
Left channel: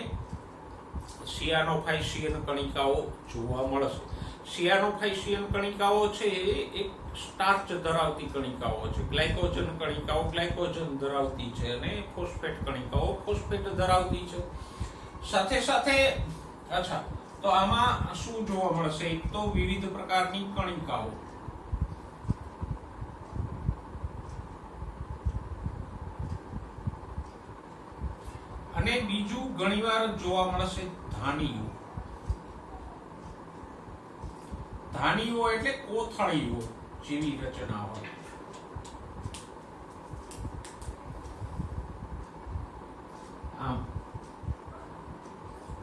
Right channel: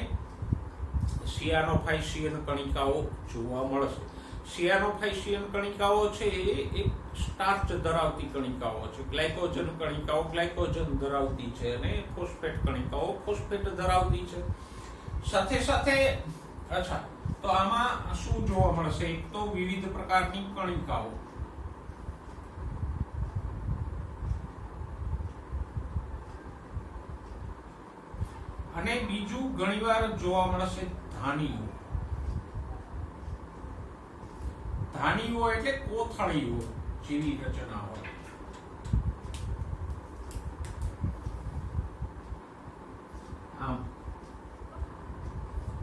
સિયાનોફાઇસિયન કણિકાઓ જોવા મળશે. સિયાનોફાઇસિયન કણિકાઓ છે એ સ્ટાર્ચ ધરાવતી કણિકાઓ છે, ગ્લાયકોજન કણિકાઓ ગ્લાયકોજન ધરાવતી છે, અને ફોસ્ફેટ કણિકાઓ ફોસ્ફેટ ધરાવતી છે. સાથે સાથે અચ્છા, તો આમાં શું જોવા મળશે? એક તો વિવિધ પ્રકારની કણિકાઓ, અને બીજું ઘણીવાર જોવા મળશે ધાનીઓ. ધાનીઓ એટલે કોથળીઓ જેવી રચના હોય. આમ,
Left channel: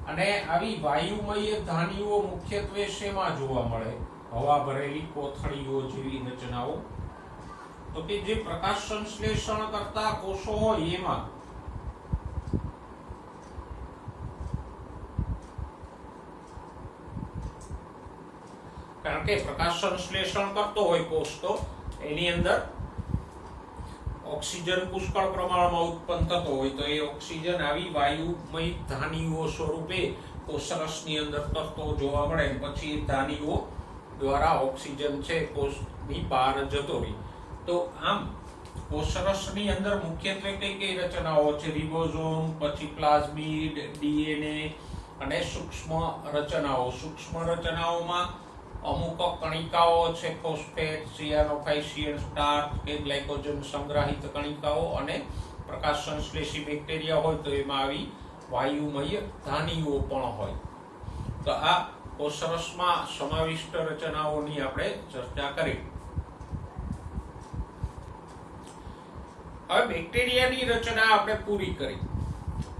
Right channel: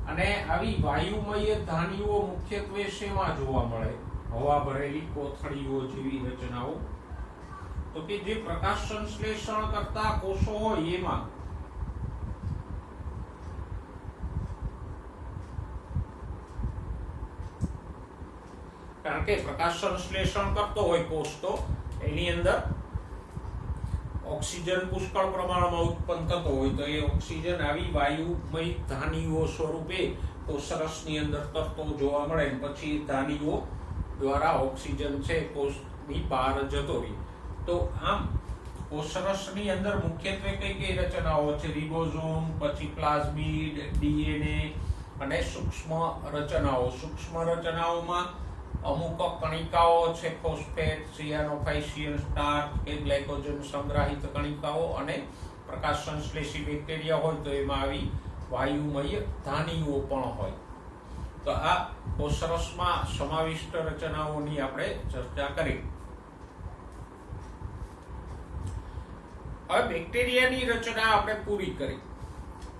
અને આવી વાયુમય ધાનીઓ મુખ્યત્વે શેમાં જોવા મળે? હવા ભરેલી કોથળીઓ જેવી રચનાઓ. તો કે જે પ્રકાશ સંશ્લેષણ કરતા કોષો હોય એમાં કારણ કે પ્રકાશ સંશ્લેષણ કરતો હોય કોષ તો એની અંદર ઓક્સિજન પુષ્કળ પ્રમાણમાં ઉત્પન્ન થતો હોય, તો એ ઓક્સિજન આવી વાયુમય ધાનીઓ સ્વરૂપે કોષરસની અંદર તરતો જોવા મળે, પછી એ ધાનીઓ દ્વારા ઓક્સિજન છે કોષની બહાર જતો રહે. તો આમ કોષરસની અંદર મુખ્યત્વે કઈ કઈ રચનાઓ છે? રિબોઝોમ, પછી પ્લાઝમિડ, ડીએનએ અને સૂક્ષ્મ રચનાઓ. સૂક્ષ્મ રચનાઓમાં અમુક કણિકાઓ છે, ફોસ્ફેટ, સિયાનોફાઇસિયન, સ્ટાર્ચ કે ગ્લાયકોજન સંગ્રહિત કણિકાઓ, અને પ્રકાશ સંશ્લેષી બેક્ટેરિયા હોય તો એમાં આવી વાયુમય ધાનીઓ પણ હોય. તો આ કોષરસમાં સમાવિષ્ટ રચનાઓની આપણે ચર્ચા કરી. હવે બેક્ટેરિયાની રચના આપણે પૂરી કરી.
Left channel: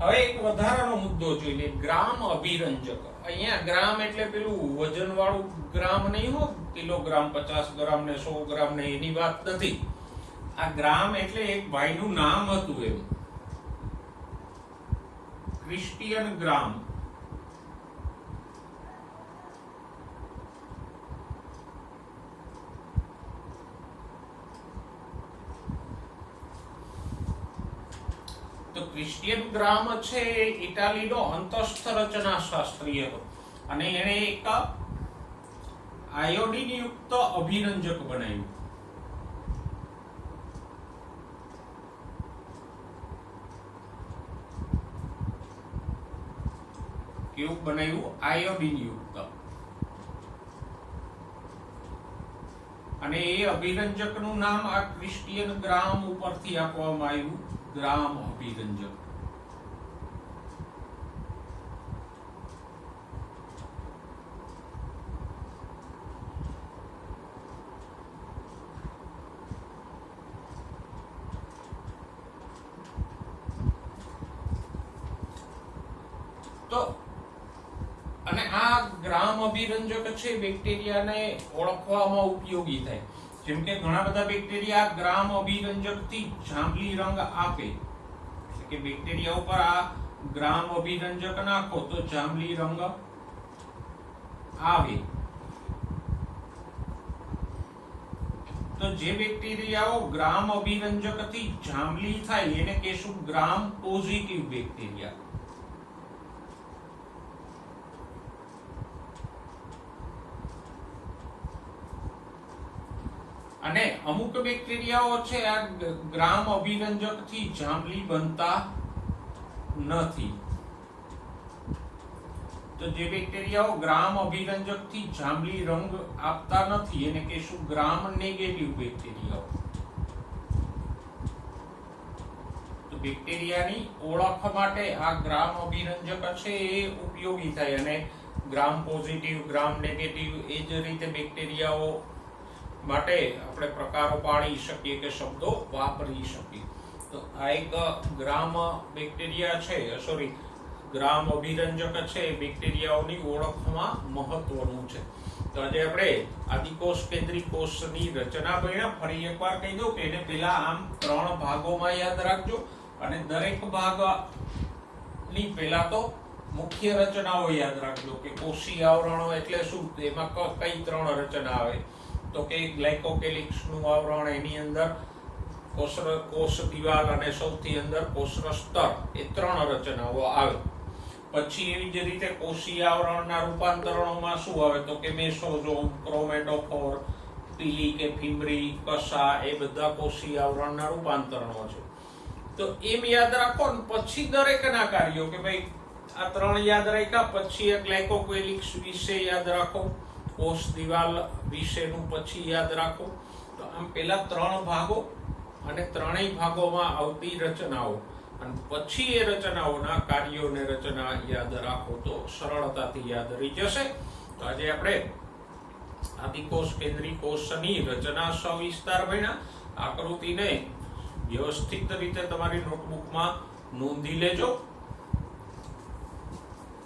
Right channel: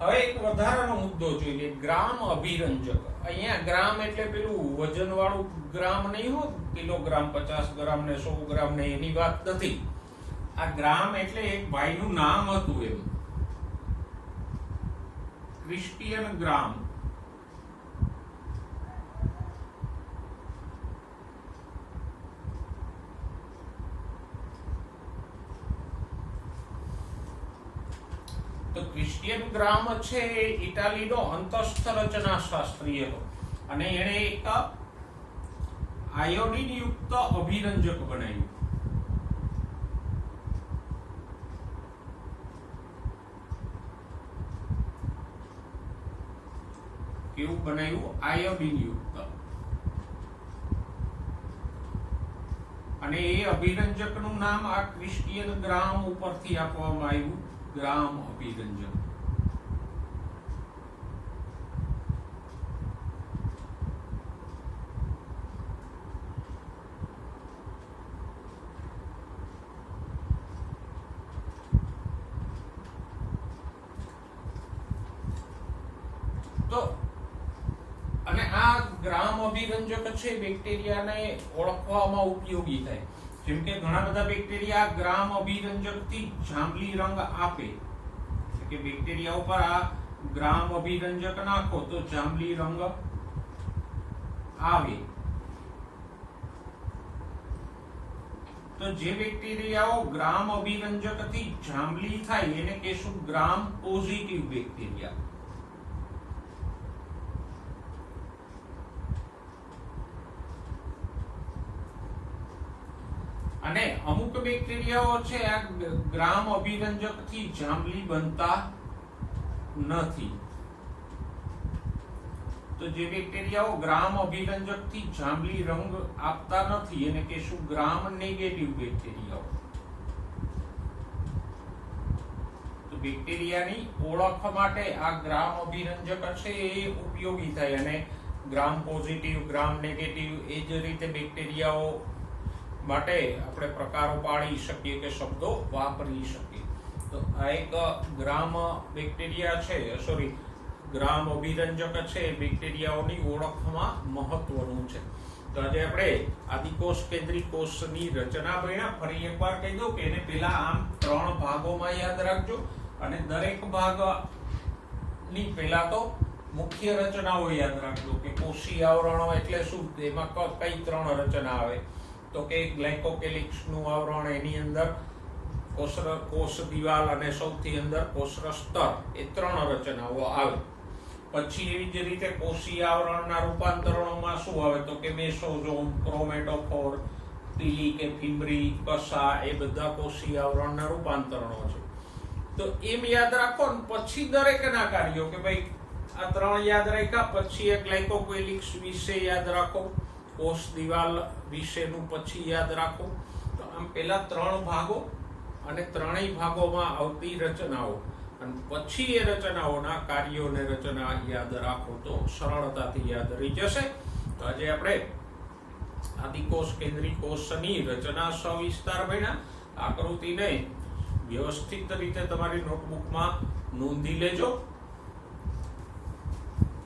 હવે એક વધારાનો મુદ્દો જોઈએ, ગ્રામ અભિરંજક. અહીંયા ગ્રામ એટલે પેલું વજન વાળું ગ્રામ નહીં હો, કિલોગ્રામ, 50 ગ્રામ ને 100 ગ્રામ ને એની વાત નથી. આ ગ્રામ એટલે એક ભાઈનું નામ હતું એમ, ક્રિસ્ટિયન ગ્રામ. તો ક્રિસ્ટિયન ગ્રામ છે એ ઇટાલીનો અંતસ્થ રચના શાસ્ત્રી હતો, અને એણે એક આયોડિન યુક્ત અભિરંજક બનાવ્યું. કેવું બનાવ્યું? આયોડિન યુક્ત. અને એ અભિરંજકનું નામ આ ક્રિસ્ટિયન ગ્રામ ઉપરથી આપવામાં આવ્યું, ગ્રામ અભિરંજક. તો અને આ ગ્રામ અભિરંજક છે બેક્ટેરિયાને ઓળખવામાં ઉપયોગી થાય. જેમ કે ઘણા બધા બેક્ટેરિયા ગ્રામ અભિરંજકથી જાંબલી રંગ આપે, કે બેક્ટેરિયા ઉપર આ ગ્રામ અભિરંજક નાખો તો જાંબલી રંગ આવે. તો જે બેક્ટેરિયાઓ ગ્રામ અભિરંજકથી જાંબલી થાય એને કહેશું ગ્રામ પોઝિટિવ બેક્ટેરિયા. અને અમુક બેક્ટેરિયાઓ છે આ ગ્રામ અભિરંજકથી જાંબલી બનતા નથી. તો જે બેક્ટેરિયાઓ ગ્રામ અભિરંજકથી જાંબલી રંગ આપતા નથી એને કહેશું ગ્રામ નેગેટિવ બેક્ટેરિયાઓ. તો બેક્ટેરિયાની ઓળખ માટે આ ગ્રામ અભિરંજક છે એ ઉપયોગી થાય, અને ગ્રામ પોઝિટિવ, ગ્રામ નેગેટિવ, એ જ રીતે બેક્ટેરિયાઓ માટે આપણે પ્રકારો પાડી શકીએ કે શબ્દો વાપરી શકીએ. તો આ એક ગ્રામ બેક્ટેરિયા છે, સોરી ગ્રામ અભિરંજક છે, બેક્ટેરિયાઓની ઓળખમાં મહત્વનું છે. તો આજે આપણે આદિકોષ કેન્દ્રીય કોષની રચના ભણ્યા. ફરી એકવાર કહી દઉં કે એને પેલા આમ 3 ભાગોમાં યાદ રાખજો અને દરેક ભાગની પેલા તો મુખ્ય રચનાઓ યાદ રાખજો કે કોષીય આવરણો એટલે શું, એમાં કઈ 3 રચના આવે. તો કે ગ્લાયકોકેલિક્સનું આવરણ, એની અંદર કોષ દિવાલ અને સૌથી અંદર કોષરસ સ્તર, એ 3 રચનાઓ આવે. પછી એવી જ રીતે કોષીય આવરણના રૂપાંતરણોમાં શું આવે તો કે મેસોઝોમ, ક્રોમેટોફોર, પીલી કે ફિબ્રી, કસા, એ બધા કોષીય આવરણના રૂપાંતરણો છે. તો એમ યાદ રાખો ને પછી દરેકના કાર્યો કે ભાઈ આ 3 યાદ રાખ્યા, પછી એક ગ્લાયકોકેલિક્સ વિશે યાદ રાખો, કોષ દિવાલ વિશેનું પછી યાદ રાખો. તો આમ પેલા 3 ભાગો અને 3 ભાગોમાં આવતી રચનાઓ અને પછી એ રચનાઓના કાર્યોને રચના યાદ રાખો તો સરળતાથી યાદ રહી જશે. તો આજે આપણે આદિકોષ કેન્દ્રીય કોષની રચના સવિસ્તાર ભણ્યા. આકૃતિને વ્યવસ્થિત રીતે તમારી નોટબુકમાં નોંધી લેજો.